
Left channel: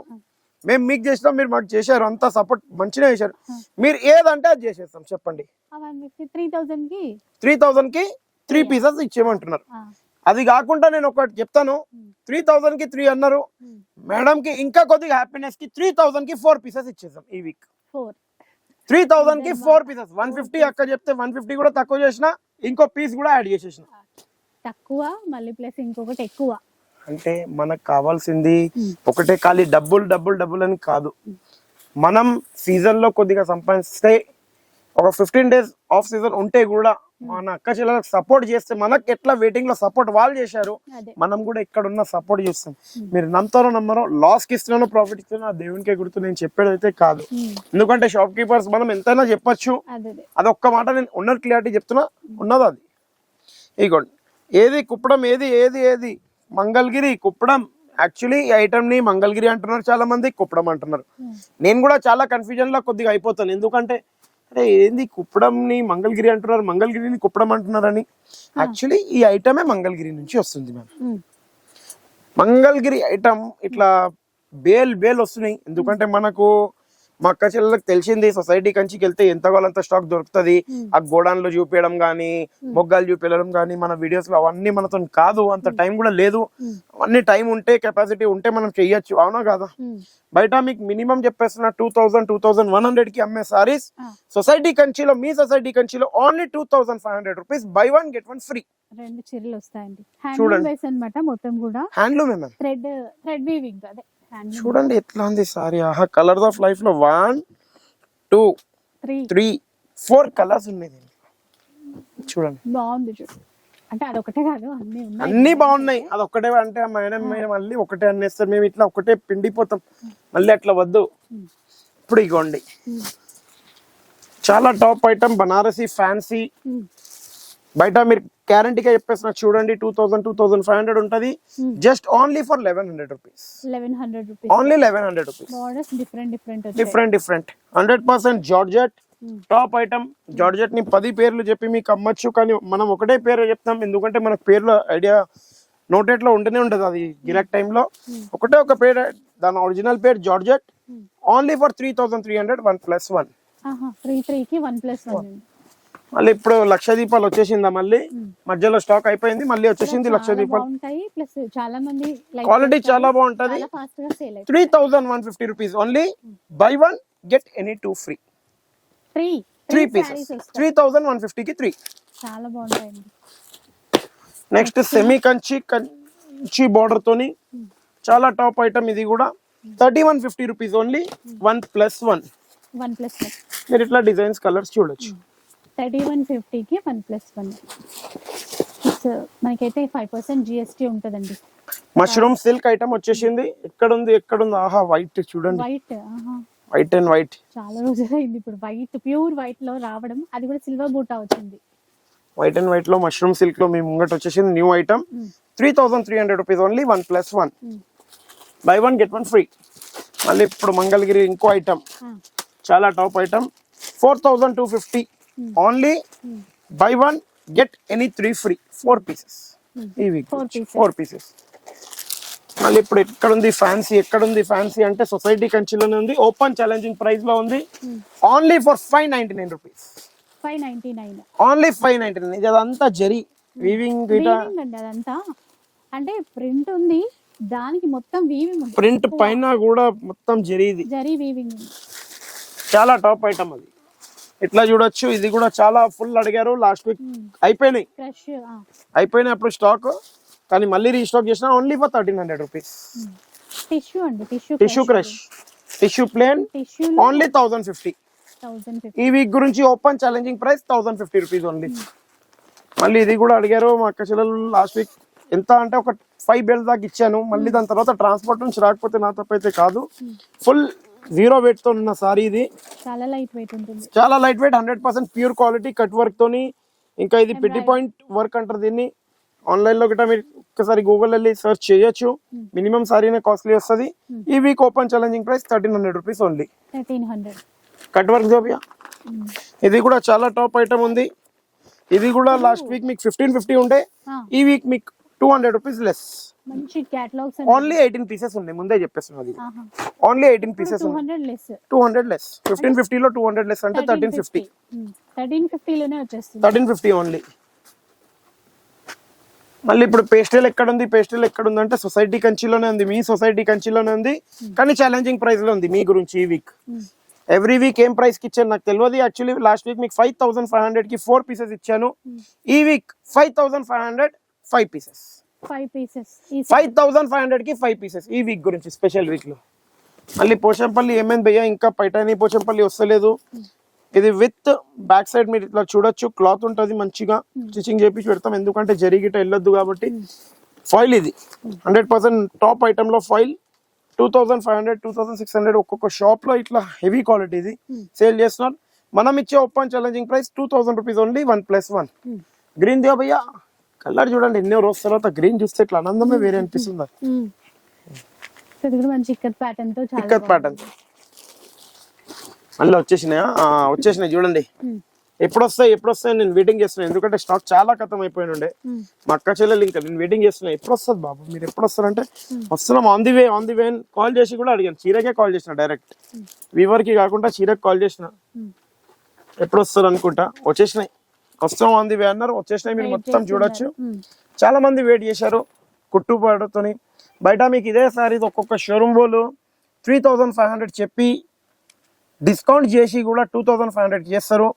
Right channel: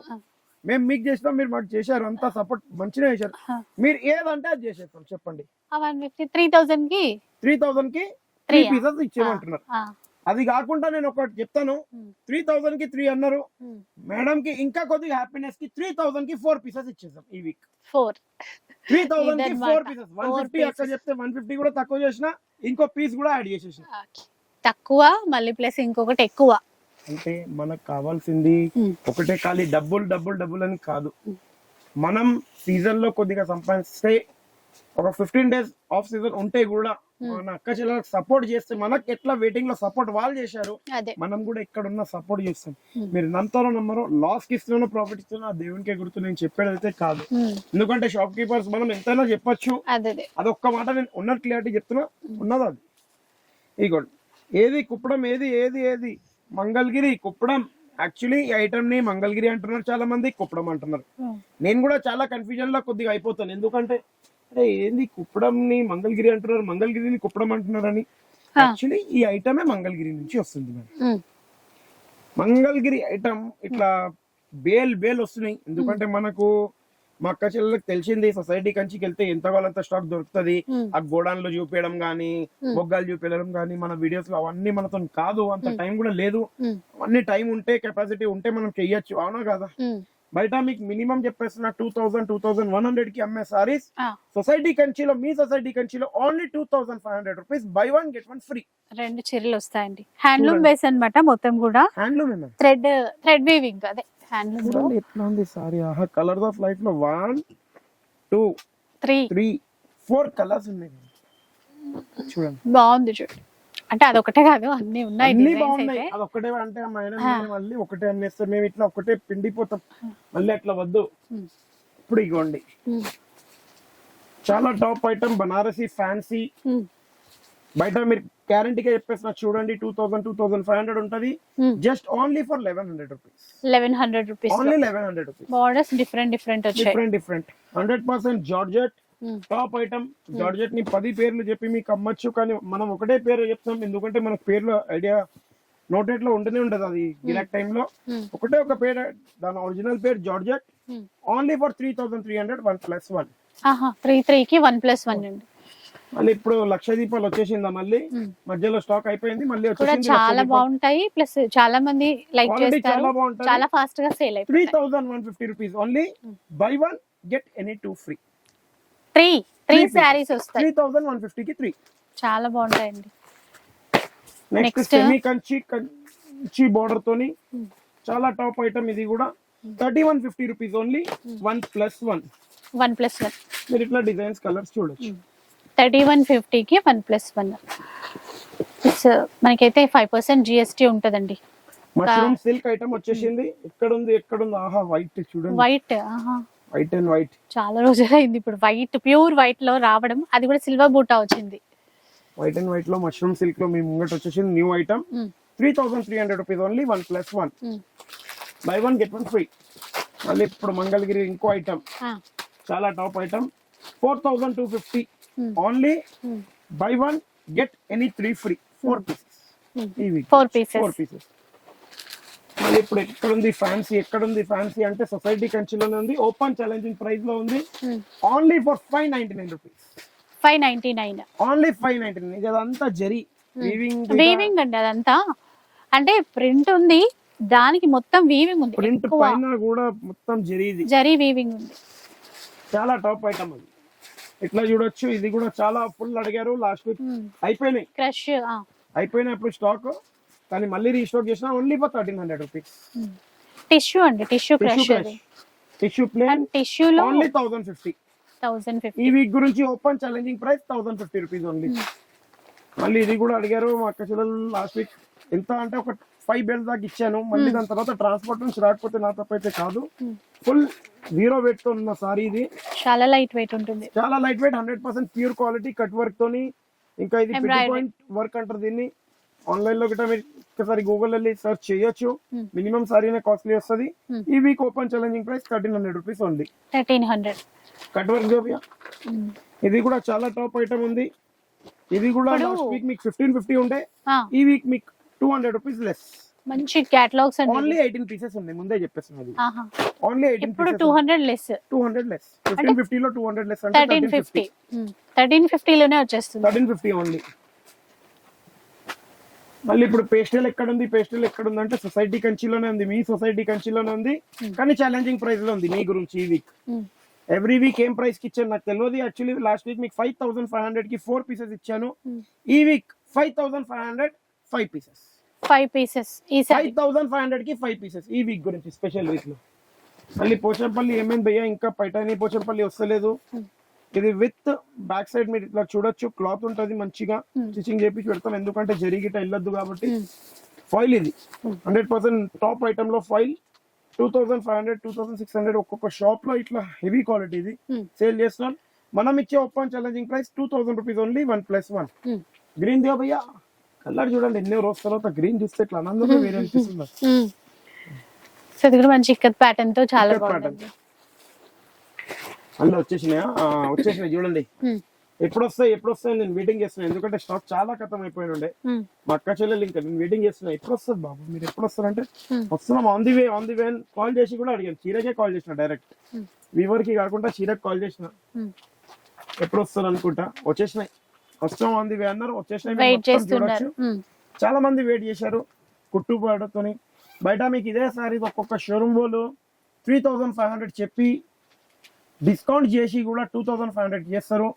మేము మీకు చేసినాం మీరు మాకు చేశారు. అంతా సపోర్ట్ మంచిగా చేశారు. మీరు ఏదంటే అది చేసేస్తాం. చెప్పండి. 3000 కి 3 పీసెస్ ఇచ్చేయమంటున్నారు. అది కాకుండా నేను ఒకటి చెప్తాను. 3000 కి 3 అన్నారు. మేడం కి ఇంకా కొద్దిగా హ్యాపీనెస్ కి 3000 కి 4 పీసెస్ ఇచ్చేసాం ఈ వీక్. 3000 కి 4 పీసెస్. 150 అక్క చెప్తే 150 కూడా తక్కువ చేసిన ఇంకో పీస్ కూడా యాడ్ చేసేసిన. తక్కువ మళ్ళీ ప్లస్ ఇంకొకటి ఎక్కువ. అంటే మనకు కావాల్సింది ఒకటే ఖాళీ డబ్బులు అని కాదు. మనం సీజన్ లో కొద్దిగా సంపాదిస్తే ఒక 15 డేస్ ఆఫ్ సీజన్ ఉంటే కూడా మన అక్క చెల్లెలకు సపోర్ట్ చేస్తే మనకి ఎట్లా వెయిటింగ్ లో సపోర్ట్ వాళ్ళు చేశారు మనం కూడా ఇక్కడ ఉన్న సపోర్ట్ చేస్తాం. మీరు నమ్ముతారో నమ్మరో లాస్ కి ఇస్తున్నానో ప్రాఫిట్ ఇస్తున్నా దేవునికే గుర్తు. నేను చెప్పేది అయితే కాదు. ఎందుకంటే షాప్ కీపర్స్ మనం ఎంతైనా చెప్పొచ్చు. అదొక్క మాట నేను ఉన్న క్లియారిటీ చెప్తున్నా. ఉన్నది అది. ఇగోండి ఏది కుప్పడం ఏది మంగళగిరి కుప్పడం. యాక్చువల్లీ ఈ ఐటమ్ ని మంగళగిరి అంటున్నారు చాలా మంది, కుప్పడం అంటున్నారు. నేను కూడా చాలా కన్ఫ్యూజన్ లో కొద్దిగా అయిపోతాను. ఎందుకంటే అరే ఏంది కుప్పడం ని మంగళగిరి అంటున్నారు, మంగళగిరిని కుప్పడం అంటున్నారని. యాక్చువల్లీ ఈ ఐటమే మంగళగిరి నుంచి వస్తుంది. మ్యామ్ మంగళగిరి ఐటమ్ ఇట్లా బేల్ వస్తున్నాయి. ఎందుకంటే మనకు మా అక్క చెల్లెలకు తెలిసింది సొసైటీ కంచికి వెళ్తే ఎంత వాళ్ళంత స్టాక్ దొరుకుతుంది. ఆ గోడాన్లో చూపించడం గానీ మొగ్గాలు చూపించడం గానీ మన వీడియోస్ లో అవన్నీ మనతో కాదు. అంత టైం కూడా లేదు. అన్ని టైం ఉంటే కెపాసిటీ ఉంటే మనం చెయ్యొచ్చు. అవునా కాదా? బయట మీకు మినిమం చెప్పేస్తున్న 2100 కి అమ్మే సారీస్ సొసైటీ కంచిలో మీ సొసైటీ కంచిలో only 2500 rupees by 1 get 1 free. 2 చీరలు వస్తాయండి. హ్యాండ్లూమ్ బేస్ అన్నమాట. మొత్తం కూడా హ్యాండ్లూమ్ థ్రెడ్ వీవింగ్. అదే చూడండి ఎట్లా ఉంది సారీ. ఆహా కలర్స్ ఆఫ్ లైఫ్ లో 1 2 3 4 కలర్స్ ఉన్నాయి. చూడండి బాగుంది. చూడండి అంటే అదొకటే కాదు అన్ని ఉన్నాయి. అన్ని బాగున్నాయి. అదొక్కటే అంటే మేడం మళ్ళీ ఒకటే అన్నేస్తారు. మేము ఇట్లా ఒకటే పిండిపోతాం. మళ్ళీ అట్లా వద్దు. ఇప్పుడు ఇగోండి చాలా టాప్ ఐటమ్ బనారసి ఫ్యాన్సీ. బయట మీరు గ్యారంటీగా చెప్పేసిన చూడండి 2000-2500 ఉంటది just only for 1100 rupees 1100 rupees only 1100 rupees borders different వచ్చాయి. Different 100% georgette top item. Georgette ని 10 పేర్లు చెప్పి మీకు అమ్మచ్చు, కానీ మనం ఒకటే పేరు చెప్తాం ఎందుకంటే మనకు పేర్ల ఐడియా నోటెట్ లో ఉంటూనే ఉంటది. అది గిరాక్ టైంలో ఒకటే ఒక పేరు, దాని ఒరిజినల్ పేరు జార్జెట్. Only for 3300 1+1. 33 కి 1+1 అండి. మళ్ళీ ఇప్పుడు లక్ష దీపాలు వచ్చేసిందా, మళ్ళీ మధ్యలో స్టాక్ అయిపోయింది, మళ్ళీ వచ్చేసింది లక్ష చాలా దీపాలు. బాగుంటాయి, ప్లస్ చాలా మంది లైక్ క్వాలిటీ చాలా బాగుంటది. చాలా ఫాస్ట్ గా సేల్ అయిపోతుంది. 3150 rupees only. By 1 get any 2 free. 3 saris వస్తాయి. 3150 కి 3. చాలా బాగుంటాయండి. నెక్స్ట్ సెమీ కంచి బోర్డర్ తోని చాలా టాప్ ఐటమ్ ఇది కూడా. 3150 రూపీస్ ఓన్లీ. 1+1. 1+1 మీరు ఇట్లా డిజైన్స్ కలర్స్ చూడొచ్చు. 3150 కి 1+1. మనకైతే 5% GST ఉంటదండి. మష్రూమ్ సిల్క్ ఐటమ్ వచ్చేసింది. ఎక్కడుంది ఆహా వైట్ చూడండి, వైట్ వైట్ అండ్ వైట్. చాలా రోజులు అయింది ఇప్పుడు వైట్, ప్యూర్ వైట్ లో రావడం. అది కూడా సిల్వర్ బూటా వచ్చింది. వైట్ అండ్ వైట్ లో మష్రూమ్ సిల్క్ లో మీ ముంగట వచ్చేసింది new item. 3300 rupees only. 1+1. By 1 get 1 free. మళ్ళీ ఇప్పుడు మంగళగిరి ఇంకో ఐటమ్, చాలా top item. 4250 only. By 1 get any 3 free. 4 pieces. ఇవి 4 పీసెస్. మళ్ళీ ఇప్పుడు ఎక్కడుంది ఫ్యాన్సీ అంటే సొసైటీ కంచిలోనే ఉంది. ఓపెన్ ఛాలెంజింగ్ ప్రైస్ లో ఉంది. Only for 599 rupees. 599 ఓన్లీ 599. ఇది అదంతా జరీ వీవింగ్ అండి. అదంతా అంటే ప్రింట్ ఉంది, దానికి మొత్తం వీవింగ్ ఉంది. ప్రింట్ పైన కూడా మొత్తం జరీ వీవింగ్ ఉంది. చాలా టాప్ ఐటమ్ అది. ఇట్లా చూడొచ్చు. ఇది కూడా చాలా ఫుల్ అడిగారు లాస్ట్ వీక్, అయిపోయినాయి. క్రష్ అయిపోయినాయి అప్పుడు స్టాక్, కానీ మళ్ళీ రీస్టాక్ చేసిన ఓన్లీ ఫర్ 1300 రూపీస్. టిష్యూ అండి, టిష్యూ క్రష్, టిష్యూ ప్లేన్ టిష్యూలో ఓన్లీ 1050. ఈ వీక్ గురించి open challenging price 1050 rupees only. మళ్ళీ ఇది కూడా అడిగారు మా అక్క చెల్లెలు లాస్ట్ వీక్. ఎంత అంటే ఒక 5 బేల్స్ దాకా ఇచ్చాను. మళ్ళీ దాని తర్వాత ట్రాన్స్పోర్ట్ నుంచి రాకపోతే నా తప్పైతే కాదు. ఫుల్ 0 weight తో ఉన్న సారీ ఇది. చాలా లైట్ వెయిట్ ఉంటుంది. చాలా light weight, 100% pure quality cut work తోని. ఇంకా ఇది పిట్టి పాయింట్ వర్క్ అంటారు దీన్ని. ఆన్లైన్ లో గిట్ట మీరు ఒకసారి గూగుల్ వెళ్ళి సర్చ్ చేయొచ్చు. మినిమం సారీనే కాస్ట్లీ వస్తుంది. ఈ week open challenging price 1300 rupees only. 1300 cut work జోబియా. ఇది కూడా చాలా టాప్ ఐటమ్ ఉంది. ఇది కూడా లాస్ట్ వీక్ మీకు 1550 ఉండే, ఈ వీక్ మీకు 200 రూపీస్ లెస్. మంచి కేటలాగ్స్ అండి. ఓన్లీ 18 పీసెస్ ఉన్నాయి, ముందే చెప్పేస్తున్నది. Only 18 pieces. 200 లెస్. 200 లెస్. 1550 లో 200 లెస్ అంటే 1350. 1350 లోనే వచ్చేస్తుంది. 1350 ఓన్లీ. మళ్ళీ ఇప్పుడు పేస్టల్ ఎక్కడుంది అంటే సొసైటీ కంచిలోనే ఉంది. మీ సొసైటీ కంచిలోనే ఉంది, కానీ ఛాలెంజింగ్ ప్రైస్ లో ఉంది. మీ గురించి ఈ వీక్ ఎవ్రీ వీక్ ఏం ప్రైస్ కి ఇచ్చాను నాకు తెలియదు. యాక్చువల్లీ లాస్ట్ వీక్ మీకు 5500 కి 4 పీసెస్ ఇచ్చాను. ఈ వీక్ 5500 5 పీసెస్. 5 పీసెస్. 5500 కి 5 పీసెస్ ఈ వీక్ గురించి స్పెషల్ వీక్ లో. మళ్ళీ పోచంపల్లి ఏమేమి భయ్యా, ఇంకా పైటాని పోచంపల్లి వస్తలేదు. ఇది విత్ బ్యాక్ సైడ్ మీరు ఇట్లా చూడొచ్చు. క్లాత్ ఉంటది, మంచిగా స్టిచింగ్ చేపించి పెడతాం ఎందుకంటే జరిగిట వెళ్ళొద్దు కాబట్టి. ఫాయిల్ ఇది 100% టాప్ ఐటమ్ లో ఫాయిల్. 2500 2600 ఒక్కొక్క షాప్ లో ఇట్లా హెవీ క్వాలిటీ ఇది సేల్ చేస్తున్నాం. మనం ఇచ్చే open challenging price 2000 rupees only. 1+1. Green దియో భయ్యా, కలర్ చూడండి. ఎన్నో రోజు తర్వాత గ్రీన్ చూస్తే ఇట్లా ఆనందమే వేరే అనిపిస్తుంది. సో ఇది కూడా మంచి ఇక్కత్ ప్యాటర్న్ తో చాలా ప్యాటర్న్. మళ్ళీ వచ్చేసినాయి చూడండి. ఎప్పుడు వస్తాయి నేను వెయిటింగ్ చేస్తున్నాను, ఎందుకంటే స్టాక్ చాలా ఖతం అయిపోయి ఉండే. మా అక్క చెల్లెలు ఇంకా నేను వెయిటింగ్ చేస్తున్నా, ఎప్పుడు వస్తుంది బాబు, మీరు ఎప్పుడు వస్తారంటే వస్తున్నాం ఆన్ ది వే కాల్ చేసి కూడా అడిగాను. చీరకే కాల్ చేసిన, డైరెక్ట్ వీవర్ కి కాకుండా చీరకి కాల్ చేసిన. ఎప్పుడు వస్తారు అనుకుంటా, వచ్చేసినాయి. వస్తాం ఆన్ ది వే అన్నారు, వచ్చేసినాయి. మీరు మొత్తం చూడొచ్చు. చాలా మంది వెయిట్ చేశారు కుట్టుబాటుతోని. బయట మీకు ఇదే సారీ ఒక్కొక్క షోరూమ్ వాళ్ళు 3500 చెప్పి డిస్కౌంట్ చేసి కూడా 2500 చేస్తారు.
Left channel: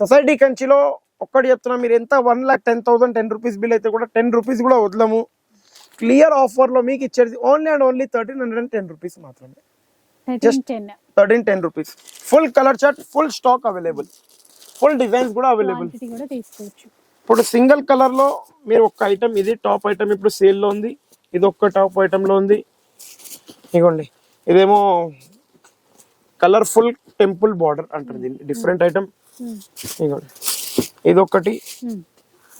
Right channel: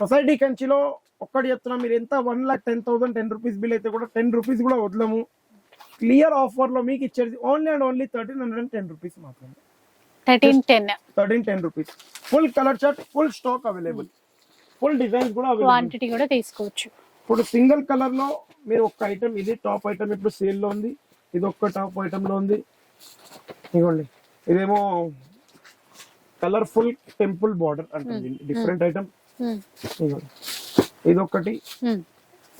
సొసైటీ కంచిలో ఒక్కటి చెప్తున్నా, మీరు ఎంత 1,10,000 10 రూపీస్ బిల్ అయితే కూడా 10 రూపీస్ కూడా వదలము. క్లియర్ ఆఫర్ లో మీకు ఇచ్చేది ఓన్లీ అండ్ ఓన్లీ 1310 రూపీస్ మాత్రమే. 1310 rupees. Full colour chart, full stock available, full designs కూడా అవైలబుల్. ఇప్పుడు సింగిల్ కలర్ లో మీరు ఒక ఐటమ్, ఇది టాప్ ఐటమ్ ఇప్పుడు సేల్ లో ఉంది. ఇది ఒక్క టాప్ ఐటమ్ లో ఉంది. ఇగోండి, ఇదేమో కలర్ఫుల్ టెంపుల్ బార్డర్ అంటుంది, డిఫరెంట్ ఐటమ్. ఇగోండి, ఇది ఒకటి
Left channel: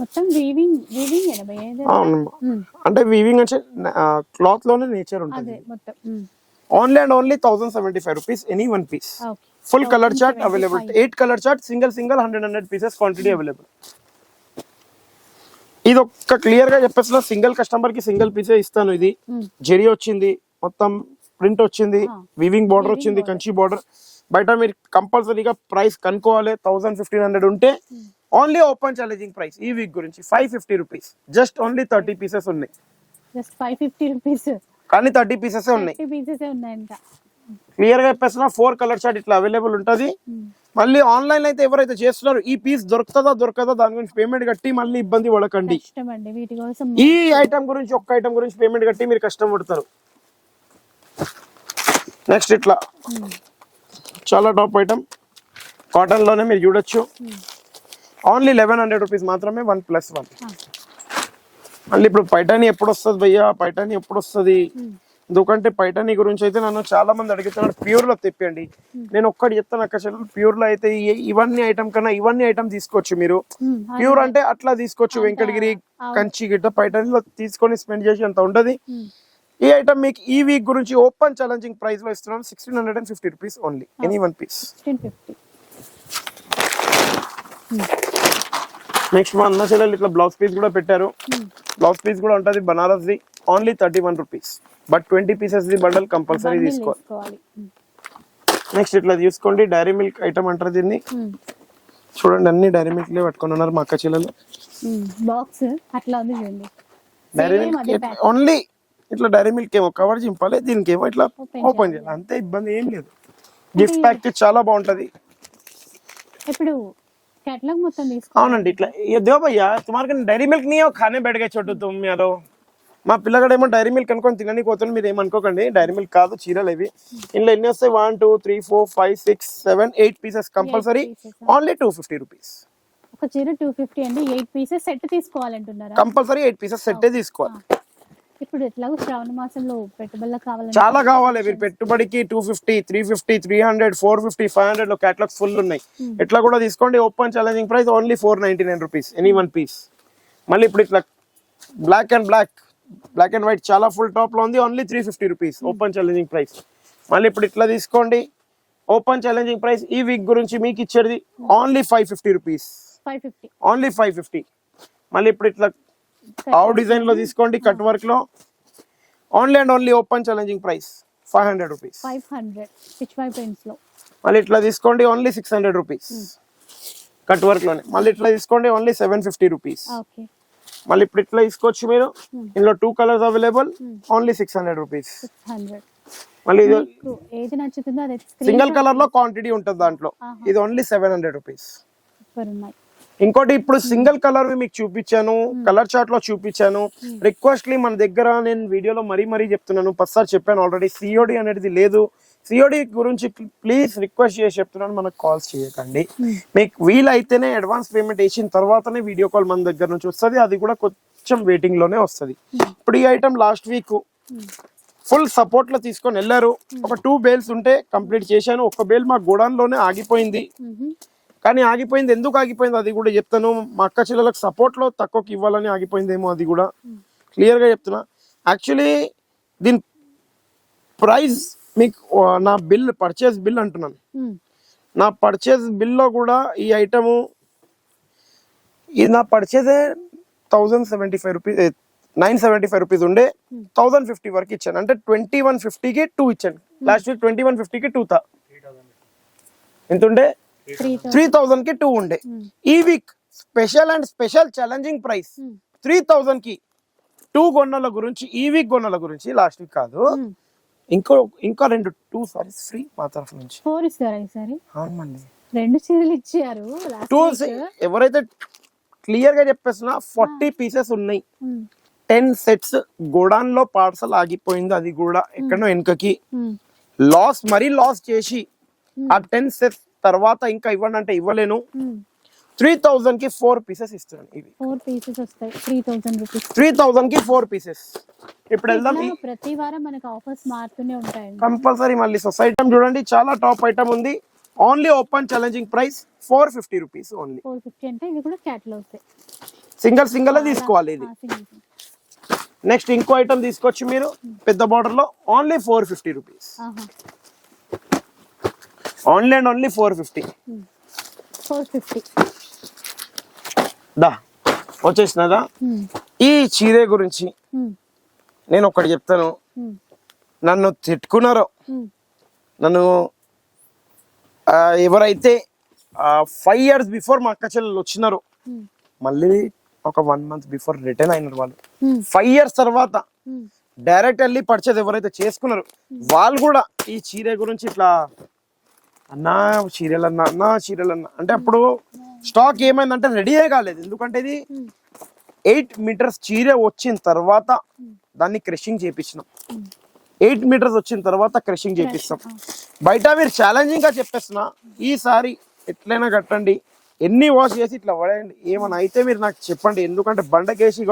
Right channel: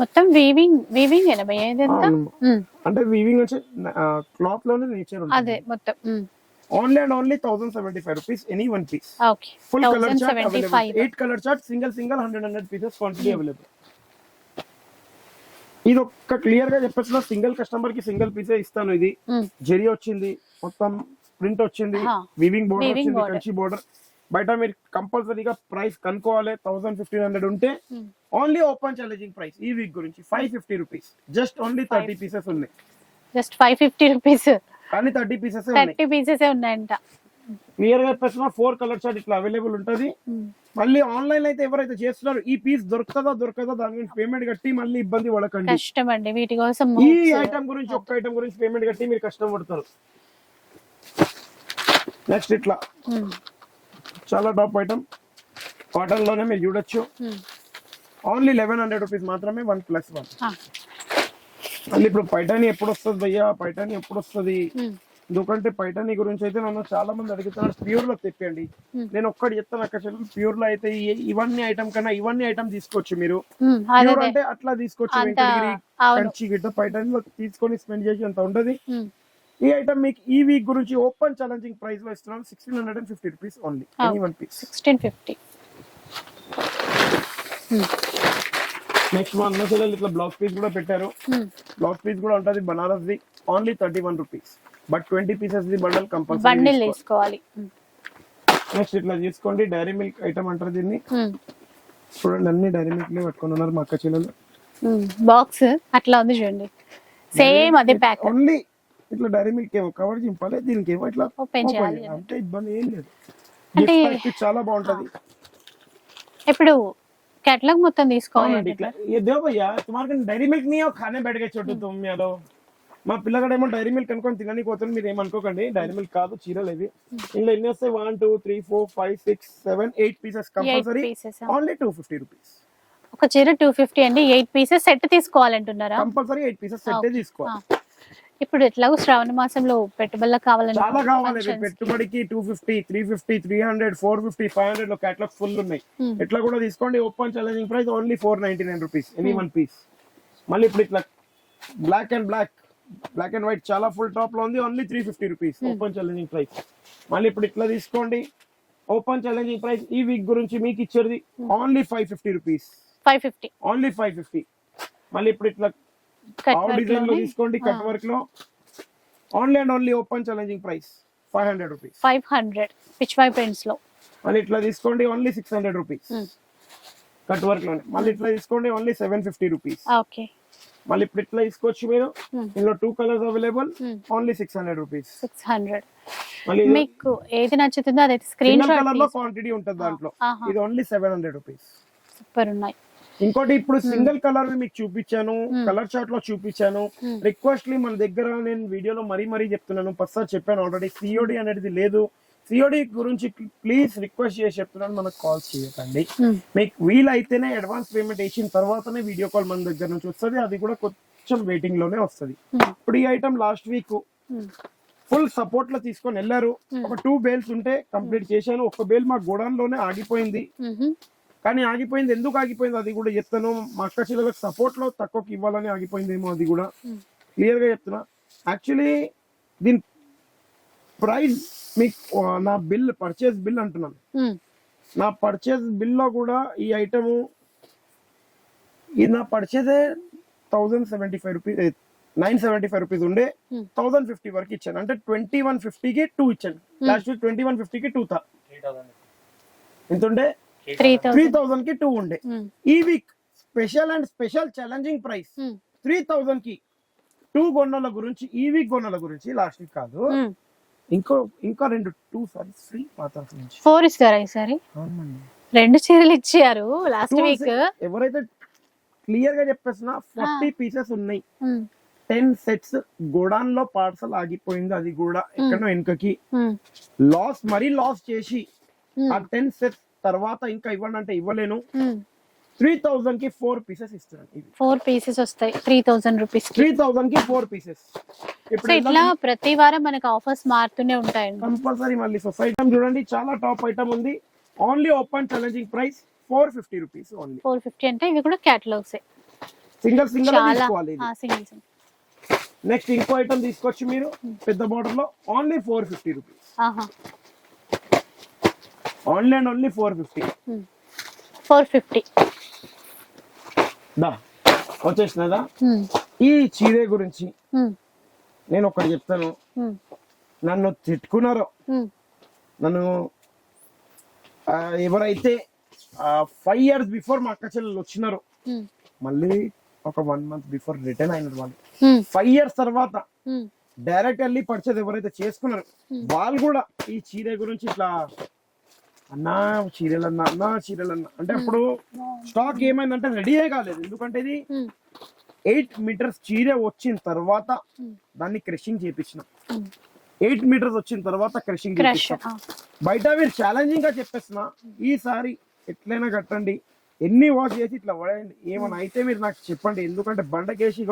మొత్తం వీవింగ్ ఏనా భయ్యా ఇదంతా? ఉమ్, అంటే వీవింగ్ అంటే క్లాత్ లోనే నేచర్ అదే ఉంటుంది. మొత్తం. Only and only 1075 rupees any one piece. Okay, full colour chart 1075. Available. 8 colour chart single 100 pieces quantity available. ఇది ఒక్క క్లియర్ గా చెప్పేస్తున్నా, సింగిల్ కస్టమర్ కి సింగిల్ పీసే ఇస్తాను. ఇది జెరీ వచ్చింది, మొత్తం ప్రింట్ వచ్చింది, వీవింగ్ బార్డర్ Weaving వచ్చింది, border. కంచి బార్డర్. బయట మీరు కంపల్సరీగా ప్రైస్ కనుక్కోవాలి. 1500 ఉంటే ఓన్లీ ఓపెన్ ఛాలెంజింగ్ ప్రైస్ ఈ వీక్ గురించి 550 రూపీస్. జస్ట్ ఓన్లీ 30 పీసెస్ ఉన్నాయి, జస్ట్ 550 రూపీస్, కానీ 30 పీసెస్ ఉన్నాయి. 30 పీసెస్ ఉన్నాయంట. క్లియర్ గా చెప్పేస్తున్నా 4 కలర్ చార్ట్ ఇట్లా అవైలబుల్ ఉంటది. మళ్ళీ ఆన్లైన్ అయితే ఎవరైతే చేస్తున్నారో ఈ పీస్ దొరకదా దాని గురించి పేమెంట్ కట్టి మళ్ళీ ఇబ్బంది పడకండి. కష్టం అండి వీటి కోసం. ఈ ఐటమ్ గురించి ఒక్క ఐటమ్ గురించి పేమెంట్ కట్టి మీరు కష్టం పడతారు. నెక్స్ట్ ఇట్లా చాలా టాప్ ఐటమ్ కాటన్ లోనే మీరు చూడొచ్చు. ఓన్లీ 1100 రూపీస్ మాత్రమే 1+1. మళ్ళీ ఇప్పుడు పైటాని ఎప్పుడు వస్తుంది భయ్యా, పైటాని ఎప్పుడు వస్తుంది? ఎందుకంటే పైటాని గురించి అయితే నన్ను చాలా మంది అడుగుతున్నారు, ప్యూర్ లో తెప్పండి. నేను ఒక్కటి చెప్తాను అక్క చెల్లెలు, ప్యూర్ లో అయితే ఇవన్నీ ఐటమ్ కన్నా ఇవన్నీ ఐటమ్ తీసుకోవచ్చు మీరు. ప్యూర్ అంటే అట్లా తీసుకోవచ్చు, వెంకటగిరి కంచి గిట్ట పైటానిలో తీసుకొని స్పెండ్ చేసి అంత ఉండదు. ఈ ఐటమ్ మీకు ఈ వీక్ గురించి ఓపెన్ ఛాలెంజింగ్ ప్రైస్ లో ఇస్తున్నాం 1650 rupees only any one piece. 1650. Next మా అన్న చెల్లెలు ఇట్లా బ్లౌజ్ పీస్ కూడా పెట్టారు. బ్లౌజ్ పీస్ కూడా ఉంటది Banaras the, only 31 rupees. But 20 pieces the bundle compulsory bundle తీసుకోవాలి. నెక్స్ట్ ఇట్లా తీసుకోండి, డైరీ మిల్క్ ఐటమ్ అంటారు దీన్ని. చూడండి అన్ని డైరీ మిల్క్ లే పట్టుకొని ఉన్నారు మా అక్క చెల్లెలు. బాక్స్ అట్లా ఉంది చూడండి, సేమ్ అదే ప్యాక్. ఓన్లీ ఇట్లా డైరీ మిల్క్ ఏమో కవర్ చింపాలి, దీనికి ఏమో ఇట్లా Open ఓపెన్ చేయాలి, అంతే, ఇబ్బంది ఏం లేదు. గిఫ్ట్ ప్యాక్ చాలా బాగుంటది. ఇప్పుడు कैटलॉग మొత్తం తీసుకోవాలి. అవునండి, ఇట్లా ये दो भैया तुम्हारे को డైరీ మిల్క్ नहीं है खाने बैठ गए छोटू तुम यारो. మా పిల్లగాడేమో డైరీ మిల్క్ అనుకొని తినని పోతుంది, మీరు ఏమనుకోకండి. డైరీ మిల్క్ కాదు, చీరలు ఇవి. ఇందులో ఎన్ని వస్తాయి? 1 2 3 4 5 6 7 8 పీసెస్ కంపల్సరీ. Only 250 rupees. ఒక చీర 250 అండి. 8 పీసెస్ సెట్ తీసుకోవాలంటున్నారా? కంపల్సరీ 8 పీసెస్ సెట్ తీసుకోవాలి. ఇప్పుడు ఎట్లాగో శ్రావణ మాసంలో పెట్టుబడులకు కావాలంటే చాలా కావాలి. పెట్టుబడికి 250 350 300 450 500 లో కేటలాగ్స్ ఫుల్ ఉన్నాయి. ఎట్లా కూడా తీసుకోండి. Open challenging price only 499 rupees any one piece. మళ్ళీ ఇప్పుడు ఇట్లా బ్లాక్ అండ్ వైట్ చాలా ఫుల్ టాప్ లో ఉంది, only 350 rupees open challenging price. మళ్ళీ ఇప్పుడు ఇట్లా తీసుకోండి. ఓపెన్ ఛాలెంజింగ్ ప్రైస్ ఈ వీక్ గురించి మీకు ఇచ్చేది ఓన్లీ 550 రూపీస్. 550 ఓన్లీ 550. మళ్ళీ ఇప్పుడు ఇట్లా ఆవు డిజైన్ లో తీసుకోండి, కట్ వర్క్ లో only and only open challenging price 500 rupees. 500 Pichwai prints లో. మళ్ళీ ఇట్లా తీసుకోండి, ఓన్లీ 600 రూపీస్ కట్ వర్క్ లోనే. మళ్ళీ ఇట్లా తీసుకోండి, ఓన్లీ 750 రూపీస్. ఓకే. మళ్ళీ ఇప్పుడు ఇట్లా తీసుకోవచ్చు మీరు. ఇందులో 2 కలర్స్ అవైలబుల్, ఓన్లీ 600 రూపీస్. 600. మళ్ళీ మీకు ఏది నచ్చుతుందో అదే స్క్రీన్ సింగిల్ కలర్ లో క్వాంటిటీ ఉంటుంది దాంట్లో. ఇది ఓన్లీ 700 రూపీస్. సూపర్ ఉన్నాయి. ఇంకోటి ఇప్పుడు సింగిల్ కలర్ మీకు చూపించాను, కలర్ చార్ట్ లో చూపించాను. రిక్వెస్ట్లీ మన దగ్గర నేను వీడియోలో మరీ చెప్తున్నాను, పసారి చెప్పాను ఆల్రెడీ, సిఓడి అనేది లేదు. సిఓడి గురించి ప్లీజ్ రిక్వెస్ట్ చేసి చెప్తున్నాను, మనకు కాల్స్ చేయకండి. మీకు వీలైతేనే అడ్వాన్స్ పేమెంట్ వేసిన తర్వాతనే వీడియో కాల్ మన దగ్గర నుంచి వస్తుంది, అది కూడా కొంచెం వెయిటింగ్ లోనే వస్తుంది. ఇప్పుడు ఈ item last week full support లో తీసుకొని వెళ్ళారు. ఒక 2 బేల్స్ ఉంటే కంప్లీట్ చేశాను. ఒక బేల్ మా గోడౌన్ లోనే ఆగిపోయింది. కానీ ఆగిపోయింది, ఎందుకు ఆగిపోయింది అది కూడా చెప్తాను. మా అక్క చెల్లెలకు సపోర్ట్ లో తక్కువకి ఇవ్వాలని ఆగిపోయిందేమో, అది కూడా క్లియర్ గా చెప్తున్నా. యాక్చువల్లీ దీని ప్రైస్ మీకు నా పర్చేస్ బిల్ అంటున్నాను. నా పర్చేస్ బిల్ లో కూడా ఈ ఐటమ్ నా పర్చేసే 1075 రూపీస్ 975 రూపీస్ ఉండే 1050 వరకు ఇచ్చాను. అంటే 2150కి 2 ఇచ్చాను. లాస్ట్ వీక్ 2150కి 2 ఎంత ఉండే? 3000 కి 2 ఉండే. ఈ వీక్ స్పెషల్ ఛాలెంజింగ్ ప్రైస్ 3000 కి 2 గొన్నల గురించి, ఈ వీక్ గొన్నల గురించి, లాస్ట్ వీక్ కాదు. ఇంకా 2 సారీస్ ఫ్రీ మా తరఫు నుంచి. 4 ఇస్తారా ఈసారి? అవునండి, 2 చీరలు ఇచ్చారు లాస్ట్ వీక్. ఎవరైతే క్లియర్ గా చెప్పేస్తున్నా 40 పీసెస్ ఉన్నాయి. 10 సెట్స్ గోడాన్ లో పార్సల్ ఆగిపోయింది, అది కూడా ఎక్కడో వెనుకకి లాస్ చేసి ఆ 10 సెట్స్ తర్వాత ఇంకా ఇవ్వండి అంటే ఇవ్వలేను. 3000 కి 4 పీసెస్ ఇస్తున్నాను. ఇవి 4 పీసెస్ వస్తాయి 3000 రూపీస్. 3000 కి 4 పీసెస్. ఇప్పుడు ఇట్లా ప్రతి వారం మనకు ఆఫర్స్ మారుతూనే ఉంటాయండి కంపల్సరీ. మళ్ళీ సొసైటీ చూడండి, చాలా టాప్ ఐటమ్ ఉంది. Only open challenging price 450 rupees only. 450 అంటే ఇవి కూడా క్యాటలాగ్స్. సింగిల్ తీసుకోవాలి ఇది. సింగిల్ నెక్స్ట్ ఇంకో ఐటమ్ తీసుకోవచ్చు మీరు పెద్ద బార్డర్ లో, only 450 rupees. Only and only 450. 450 దా వచ్చేసినదా. ఈ చీరే గురించి నేను ఒకటి చెప్తాను. నన్ను తిట్టుకున్నారో, నన్ను ఎవరైతే 5 years బిఫోర్ మా అక్క చెల్లెలు వచ్చినారో మళ్ళీ ఒక 1 month బిఫోర్ రిటర్న్ అయినారు వాళ్ళు. 5 years తర్వాత డైరెక్ట్ వెళ్ళి పర్చేజ్ ఎవరైతే చేసుకున్నారో వాళ్ళు కూడా ఈ చీర గురించి ఇట్లా అన్నా చీరలన్నా అంటే అప్పుడు స్టాక్ ఏమైందంటే రెడీయే కాలేదు. ఎందుకంటే ఇది 8 meters చీర వచ్చిన తర్వాత దాన్ని క్రషింగ్ చేపించినాం. 8 meters వచ్చిన తర్వాత క్రషింగ్ చేపించినాం. బయట మీరు ఛాలెంజింగ్ గా చెప్పేస్తున్నా, ఈసారి ఎట్లయినా కట్టండి, ఎన్ని వాష్ చేసి ఇట్లా పడేయండి, ఏమైనా అయితే మీరు నాకు చెప్పండి. ఎందుకంటే బండకేసి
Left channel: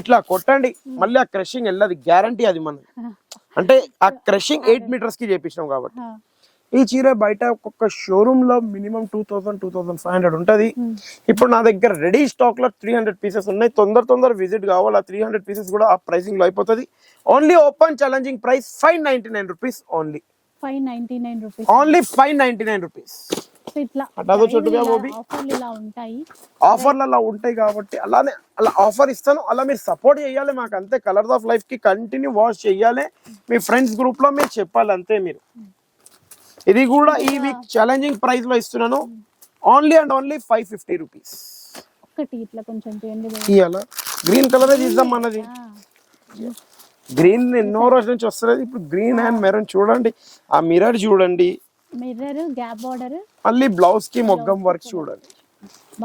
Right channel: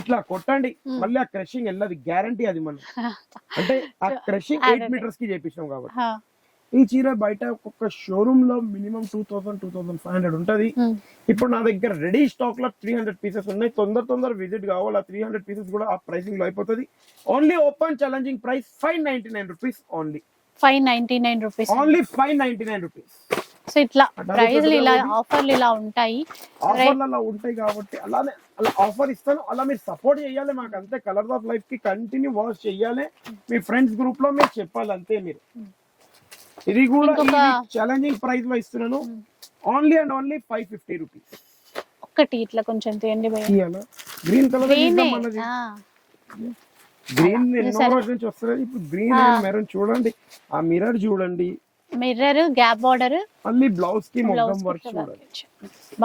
ఇట్లా కొట్టండి, మళ్ళీ ఆ క్రషింగ్ వెళ్ళదు, గ్యారంటీ అది మనం. అంటే ఆ క్రషింగ్ 8 meters కి చేపించినాం కాబట్టి. ఈ చీర బయట ఒక్కొక్క షోరూమ్ లో మినిమం 2000-2500 ఉంటది. ఇప్పుడు నా దగ్గర రెడీ స్టాక్ లో 300 pieces ఉన్నాయి. తొందర విజిట్ కావాలి. ఆ 300 pieces కూడా ఆ ప్రైసింగ్ లో అయిపోతుంది. Only open challenging price 599 rupees only. 599 rupees only 599 rupees. So ఇట్లా ప్రైస్లు ఇలా ఆఫర్లు ఇలా ఉంటాయి. ఆఫర్లు అలా ఉంటాయి కాబట్టి అలానే అలా ఆఫర్ ఇస్తాను. అలా మీరు సపోర్ట్ చేయాలి మాకు అంతే. కలర్స్ ఆఫ్ లైఫ్ కి కంటిన్యూ వాచ్ చేయాలి. మీ ఫ్రెండ్స్ గ్రూప్ లో మీరు చెప్పాలి అంతే. మీరు ఇది కూడా ఈ వీక్ ఛాలెంజింగ్ ప్రైస్ లో ఇస్తున్నాను. Only and only 550 rupees. ఒకటి ఇట్లా కొంచెం తీయండి. ఇయాల గ్రీన్ కలర్ ఇద్దాం అన్నది. గ్రీన్ ఎన్నో రోజుల నుంచి వస్తుంది. ఇప్పుడు గ్రీన్ అండ్ మెరూన్ చూడండి. ఆ మిర్రర్ చూడండి, మిర్రర్ గ్యాప్ బార్డర్, మళ్ళీ బ్లౌజ్ కి మొగ్గం వర్క్ చూడండి.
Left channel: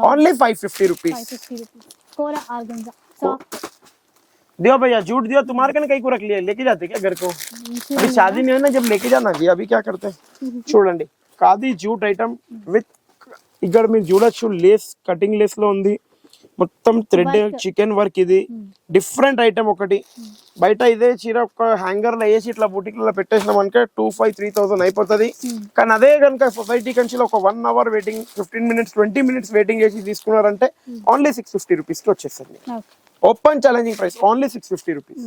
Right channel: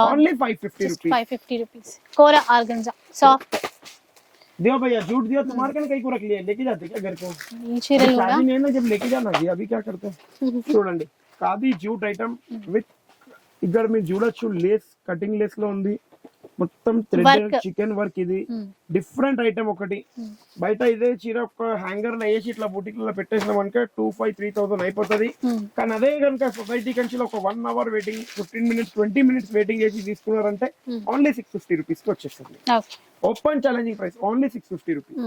Only 550 rupees. 550 రూపీస్. कोरा ऑर्गेन्जा सॉफ्ट. दियो भैया जूट दियो, तुम्हारे कने कई को रख लिया, लेके जाते क्या घर को? अभी शादी नहीं है ना, जब लेके जाना जी. अभी क्या करते हैं చూడండి, ఖాదీ జూట్ ఐటమ్ విత్ ఇక్కడ మీరు చూడొచ్చు లేస్, కటింగ్ లేస్ లో ఉంది మొత్తం థ్రెడ్ చికెన్ వర్క్. ఇది డిఫరెంట్ ఐటమ్ ఒకటి. బయట ఇదే చీర ఒక హ్యాంగర్ లో వేసి ఇట్లా బుటిక్ లో పెట్టేసినాం అనుకో 2500-3000 అయిపోతుంది. కానీ అదే కనుక సొసైటీ కంచిలో ఒక 1 hour waiting, 15 minutes 20 minutes waiting చేసి తీసుకున్నారంటే ఓన్లీ 650 రూపీస్ కి వచ్చేస్తుంది. Open challenging price only 650 rupees.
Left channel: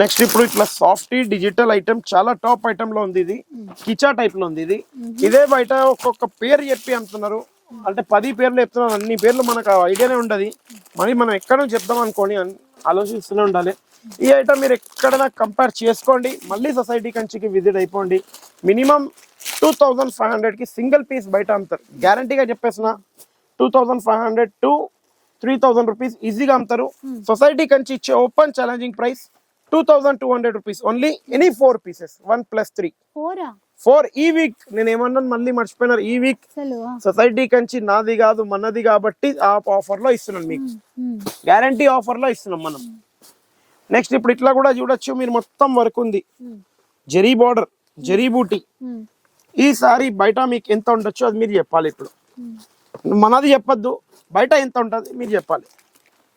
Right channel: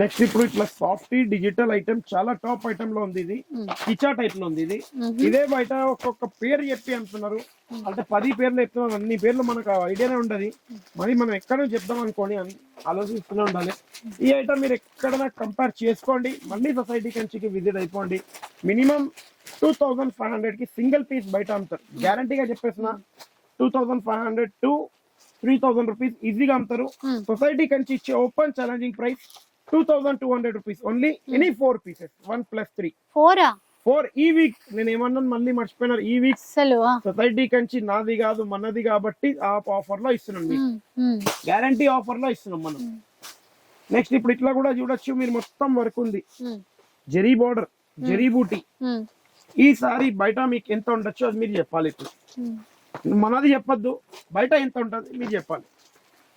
Next ఇప్పుడు ఇట్లా సాఫ్ట్ డిజిటల్ ఐటమ్ చాలా టాప్ ఐటమ్ లో ఉంది. ఇది కిచా టైప్ లో ఉంది. ఇది ఇదే బయట ఒక్కొక్క పేరు చెప్పి అమ్ముతున్నారు. అంటే 10 పేర్లు చెప్తున్నారు. అన్ని పేర్లు మనకు ఐడియానే ఉండదు. మరి మనం ఎక్కడ నుంచి చెప్దాం అనుకోని ఆలోచిస్తూనే ఉండాలి. ఈ ఐటమ్ మీరు ఎక్కడైనా కంపేర్ చేసుకోండి. మళ్ళీ సొసైటీ కంచికి విజిట్ అయిపోండి. మినిమం 2500 కి సింగిల్ పీస్ బయట అమ్ముతారు. గ్యారంటీగా చెప్పేసిన 2500 to 3000 రూపీస్ ఈజీగా అమ్ముతారు. సొసైటీ కంచి ఇచ్చే open challenging price 2200 rupees only. Any 4 pieces 1+3 4. ఈ వీక్ నేను ఏమన్నాను మళ్ళీ మర్చిపోయినారు. ఈ వీక్ సొసైటీ కంచి నాది కాదు మనది కాబట్టి ఆ ఆఫర్ లో ఇస్తున్నాం మీకు. గ్యారంటీ ఆఫర్ లో ఇస్తున్నాం మనం. నెక్స్ట్ ఇప్పుడు ఇట్లా కూడా చూడొచ్చు మీరు, మొత్తం వర్క్ ఉంది. జరీ బార్డర్, జరీ బూటీ. ఈ సారీ బయట మీకు ఎంత ఉండొచ్చు అది మీరు చెప్పాలి. ఇప్పుడు మనది చెప్పొద్దు, బయట ఎంత ఉంటుంది మీరు చెప్పాలి.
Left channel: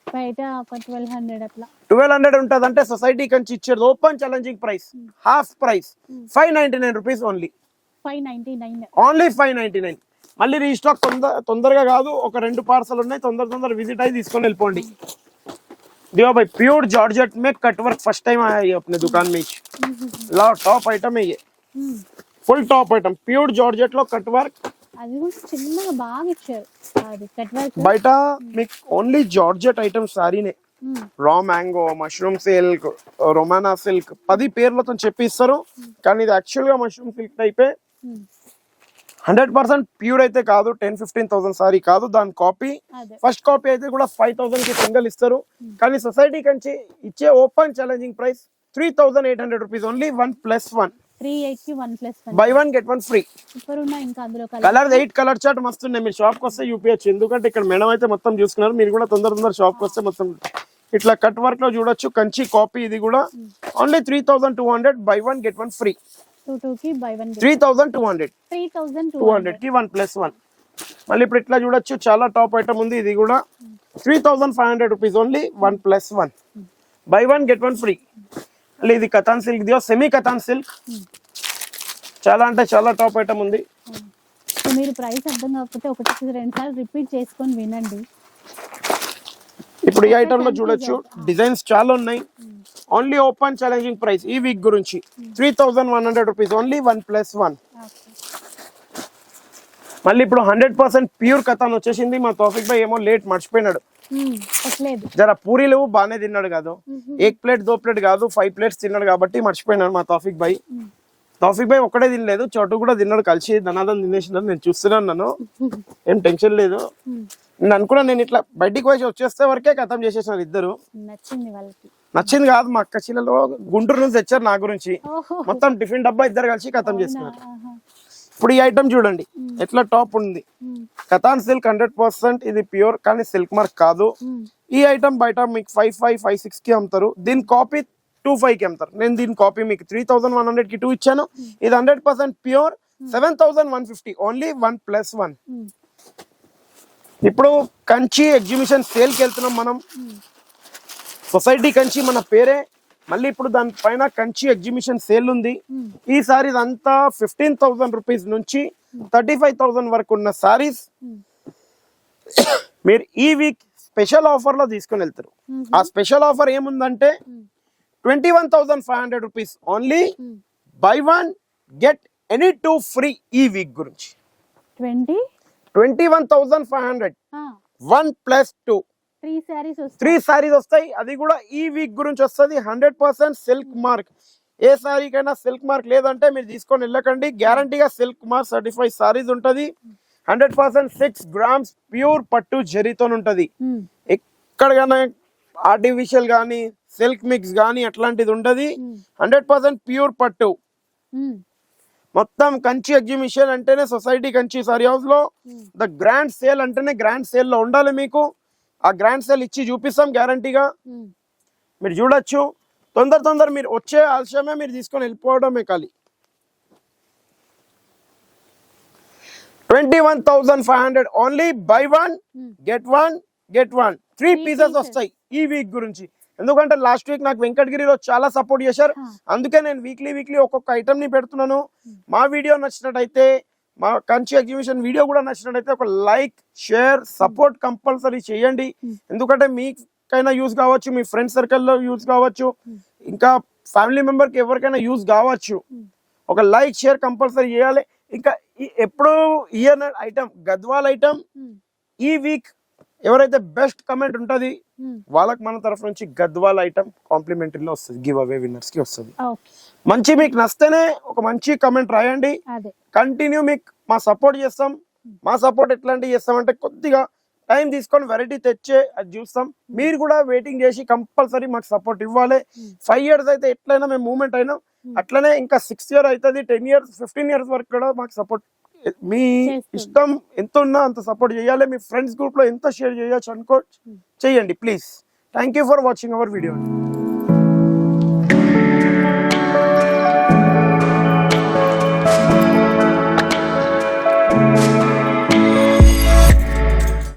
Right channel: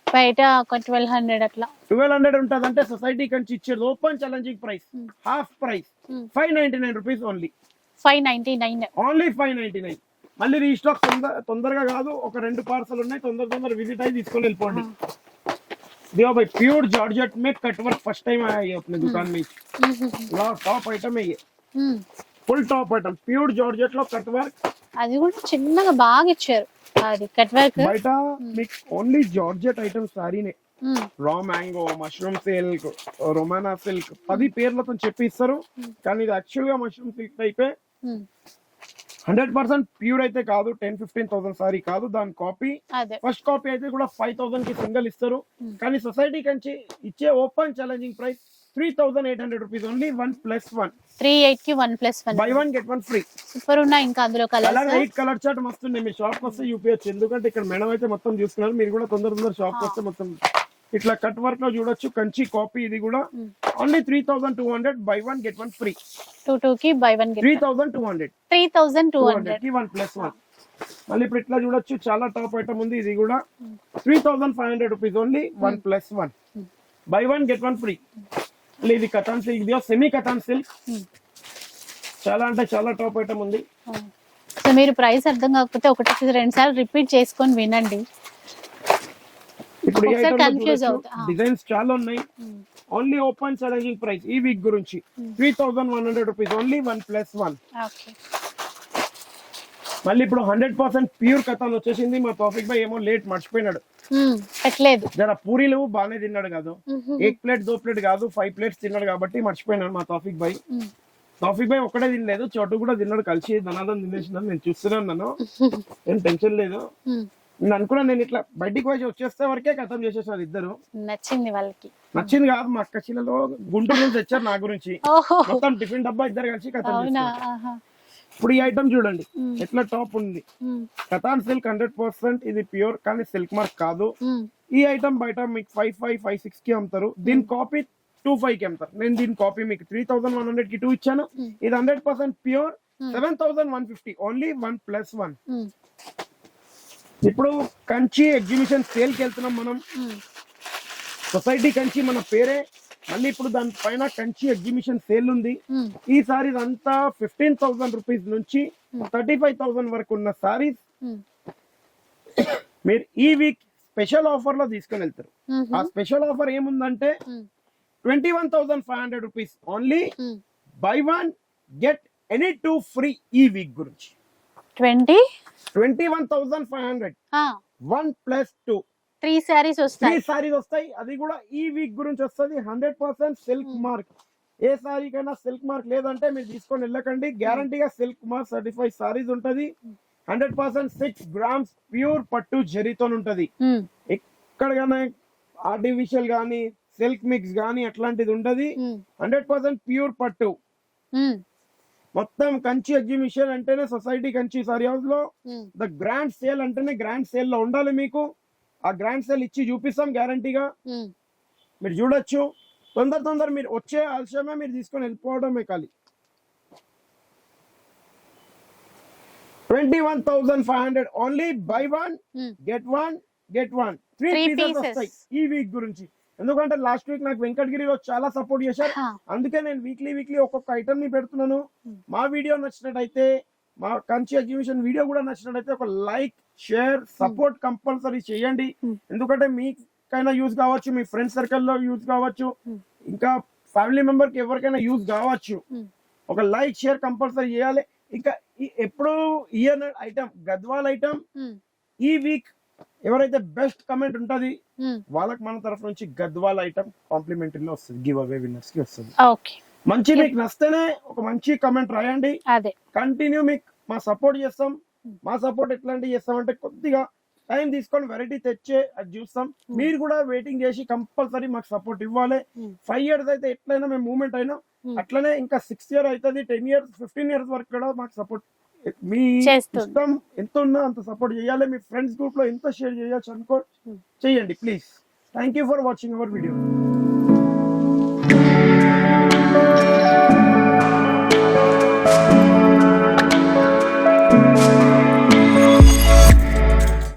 బయట ఒక 1200 అట్లా 1200 ఉంటది. అంటే సొసైటీ కంచి ఇచ్చేది open challenging price half price 599 rupees only. 599 only 599. మళ్ళీ రీస్టాక్ తొందరగా కాదు, ఒక 2 పార్సల్ ఉన్నాయి. తొందర విజిట్ అయ్యి తీసుకొని వెళ్ళిపోండి. दियो भाई प्योर जॉर्जेट में कटवर्क फर्स्ट टाइम आया है अपने दुकान में. लाओ टॉप आइटम है ये, full top item pure georgette లో కట్ వర్క్. అది కూడా చిన్నగా బాగా ఇచ్చారు. అది కట్ వర్క్ బయట మీకు ఓన్లీ జార్జెట్ ఐటమ్ సారీనే. Raw mango, mushroom silk, Romana silk 10 పేర్లతో చెప్పిస్తారు. కానీ ఇది యాక్చువల్ గా మష్రూమ్ సిల్క్ టైపే. 100% ప్యూర్ అయితే కాదు. 10-15,000 సారీ కాదు, దాని కాపీ. ఫస్ట్ కాపీ అయితే కూడా 5000 కి సింగిల్ ఇస్తారు. కానీ సొసైటీ కంచి ఇచ్చే open challenging price 3800 rupees only. 1+1 38 కి 1+1 బై 1 గెట్ 1 ఫ్రీ. సూపర్ ఉన్నాయి. ఇంకా అందులో కలర్ 8 కలర్ చార్ట్ మస్తు ఉన్నాయి. మీరు షాప్ కి వస్తే యూపీఎచ్. ఎందుకంటే ఇక్కడ మేడం అయితే మొత్తం చూసుకున్నారు. మీరు కూడా తొందర షాప్ కి వస్తే మొత్తం ఇట్లా కట్ వర్క్ లో చూడొచ్చు. కంచి కాపీ ఇది కూడా ఓన్లీ 3200 బై 1 గెట్ 1 ఫ్రీ. 22 కి బై 1 గెట్ 3200 కి 1+1. మళ్ళీ ఇప్పుడు ఇట్లా చూడొచ్చు చాలా టాప్ ఐటమ్ ఉంది. ఇది కూడా 3500 rupees only. 1+1 by 1 get 1 free. మళ్ళీ ఇది katan silk దియో, semi katan silk. చాలా అంటే చాలా టాప్ ఐటమ్ ఉంది. సో మీరు ప్రైస్ అర్థం కాకపోతే ఒకటికి 2 సార్లు రిపీట్ చేసుకొని వినండి. ఇప్పుడు ఈ ఒకసారి ఐటమ్ లో confuse చూడొచ్చు అవుతా. డిజైన్స్ చాలా ఉన్నాయి. ఓన్లీ ఓపెన్ ఛాలెంజింగ్ ప్రైస్ ఈ వీక్ గురించి 3100 రూపీస్ ఓన్లీ 1+1. ఓకే. మళ్ళీ ఇప్పుడు 100% ప్యూర్ కథాన్ వచ్చేసింది. మా తౌఫిక్ భాయ్ ఏమో లేట్ మర్చిపోయినాడు, పెట్టలేదు. జర పూరీలు బాగానే తిన్నాడు కాదు, 1 ప్లేట్ 2 ప్లేట్ కాదు 5 ప్లేట్స్ తిన్నాడు కాబట్టి మర్చిపోయినాడు మా తౌఫిక్ భాయ్. తౌఫిక్ భాయ్ ఒక్కడే తినలేదు, చోటు కూడా తిన్నాడు, కలిసి ధనాదం తినేసినాడు. నేను చూస్తున్నాను, ఏం టెన్షన్ లేదు. నేను అనుకున్నా నేను ఇట్లా బయటికి పోయి వచ్చేస్తే వరకే ఖతం చేసేసినారు ఇద్దరు. నచ్చింది వాళ్ళకి. నచ్చింది కాదు, మా అక్క చిల్లలో గుంటూరు నుంచి తెచ్చారు నా గురించి, ఓహో, మొత్తం టిఫిన్ డబ్బా ఇద్దరు కలిసి ఖతం అవునా? చేస్తారు. ఆహా. ఇప్పుడు ఈ ఐటమ్ చూడండి ఎట్లా టాప్ ఉంది. కథాన్ సిల్క్ 100%, ఇది ప్యూర్ కానీ సిల్క్ మార్క్ కాదు. ఈ ఐటమ్ బయట మీకు 5556 కి అమ్ముతారు, దీని కాపీ 25 కి అమ్ముతారు. నేను దీని కాపీ మీకు 3100 కి 2 ఇచ్చాను. ఇది 100% ప్యూర్ 7150 ఓన్లీ 1+1. ఇప్పుడు కంచి ఎగ్జిబిషన్ సేల్ కి వెళ్తున్నాం మనం. సొసైటీ కంచి మన పేరే, మళ్ళీ ఇప్పుడు దాని పైన కంచి ఎగ్జిబిషన్ సేల్ ఉంది. ఈసారి ఇదంతా 15,000 రూపీస్ నుంచి 35,000 వరకు ఉన్న సారీస్ మీరు ఈ వీక్ స్పెషల్ ఆఫర్ లో తీసుకుని వెళ్తారు. ఆ స్పెషల్ ఆఫర్ ఏముందంటే 21,500 rupees only by 1 get any 2 free. ఈ వీక్ గురించి 21,500 1+2 3 సారీస్ 3 వస్తాయి. సారీస్ వస్తాయి. అది కూడా ఈ వీక్ గురించి వస్తుంది. 100% సిల్క్ మార్క్. ఏ సారీకైనా సిల్క్ మార్క్ లేదంటే మీరు తీసుకొని వెళ్ళకండి. గ్యారంటీగా సిల్క్ మార్క్ సర్టిఫైడ్ సారీస్ ఉంటది. 100% 6 grams ప్యూర్ పట్టు జరీతో ఉంటది. ఎక్కడైనా ఆర్టిఫిషియల్ గానీ సిల్క్ మిక్స్ గానీ అట్లాంటిది ఉండదు. 100% ప్యూర్ పట్టు. మొత్తం కంచి ఎగ్జిబిషన్ అంటేనే సొసైటీ కంచి సారీ హౌస్ లో ద గ్రాండ్ సేల్ అంటేనే గ్రాండ్ సేల్ లో ఉండాలి. మీకు ఆ గ్రాండ్ సేల్ ఇచ్చి చూపిస్తాం గ్యారంటీగా. మీరు చూడొచ్చు. తొందర మీరు వచ్చే ఆలస్యమే, మీరు తీసుకొని వెళ్ళిపోవడమే ఖాళీ. 21,500 ఓన్లీ బై 1 గెట్ 1 3 పీసెస్ వస్తాయి ఈ వీక్ గురించి. ఎందుకంటే లాస్ట్ వీక్ నాకు వెంకటగిరిలో చాలా సపోర్ట్ చేశారు, అందుకే నేను వీక్లీ ఒక్కొక్క ఐటమ్ ని పెడుతున్నాను. మా వీడియో నచ్చినట్టయితే, మా కంచి ఎగ్జిబిషన్ వీడియో కూడా నచ్చినట్టయితే ఒక లైక్, షేర్, సపోర్ట్ కంపల్సరీ చేయండి. ఎందుకంటే మీకైనా యూజ్ కావచ్చు, మీ ఫ్రెండ్ సర్కిల్లో యూజ్ కావచ్చు, ఇంకా ఫ్యామిలీ మెంబర్ కి ఎవరికైనా యూజ్ కావచ్చు. ఒక లైక్, షేర్ కంపల్సరీ చేయాలి. ఇంకా ఎప్పుడు ఇయర్ ఐటమ్ గద్వాల్ ఐటమ్ ఈ వీక్ ఎవరైతే బెస్ట్ కమెంట్ ఉంటది వాళ్ళకి మన తరఫు నుంచి గద్వాల్ ఐటమ్ కాంప్లిమెంటరీలో వస్తుంది, గివ్ అవే విన్నర్స్ కి వస్తుంది. మంచి మీకు నచ్చితేనే ఒక మంచి కమెంట్ రాయండి. కంటిన్యూ మీకు మా సపోర్ట్ చేస్తాం. మా సపోర్ట్ ఎట్లాంటి చేస్తామంటే కొద్దిగా టైం తీసుకొని వెరైటీ తెచ్చే అది చూస్తాం. మీరు కూడా వెయిటింగ్ చేసి కంపల్సరీ మాకు సపోర్ట్ ఇవ్వాలి. 5 years అయితే ఎట్లయినా మేము మూవ్మెంట్ అయినా, అట్లనే ఇంకా 6 years అవుతుంది, 10 years 15 years వరకు కూడా మాకు సపోర్ట్. మీ ఇష్టం ఎంత ఉన్నా అంత సపోర్ట్ చేయాలి. మీ ఫ్రెండ్స్ గ్రూప్ లో ఎంత షేర్ చేయొచ్చు అనుకో చేయండి please. Thank you for watching our video.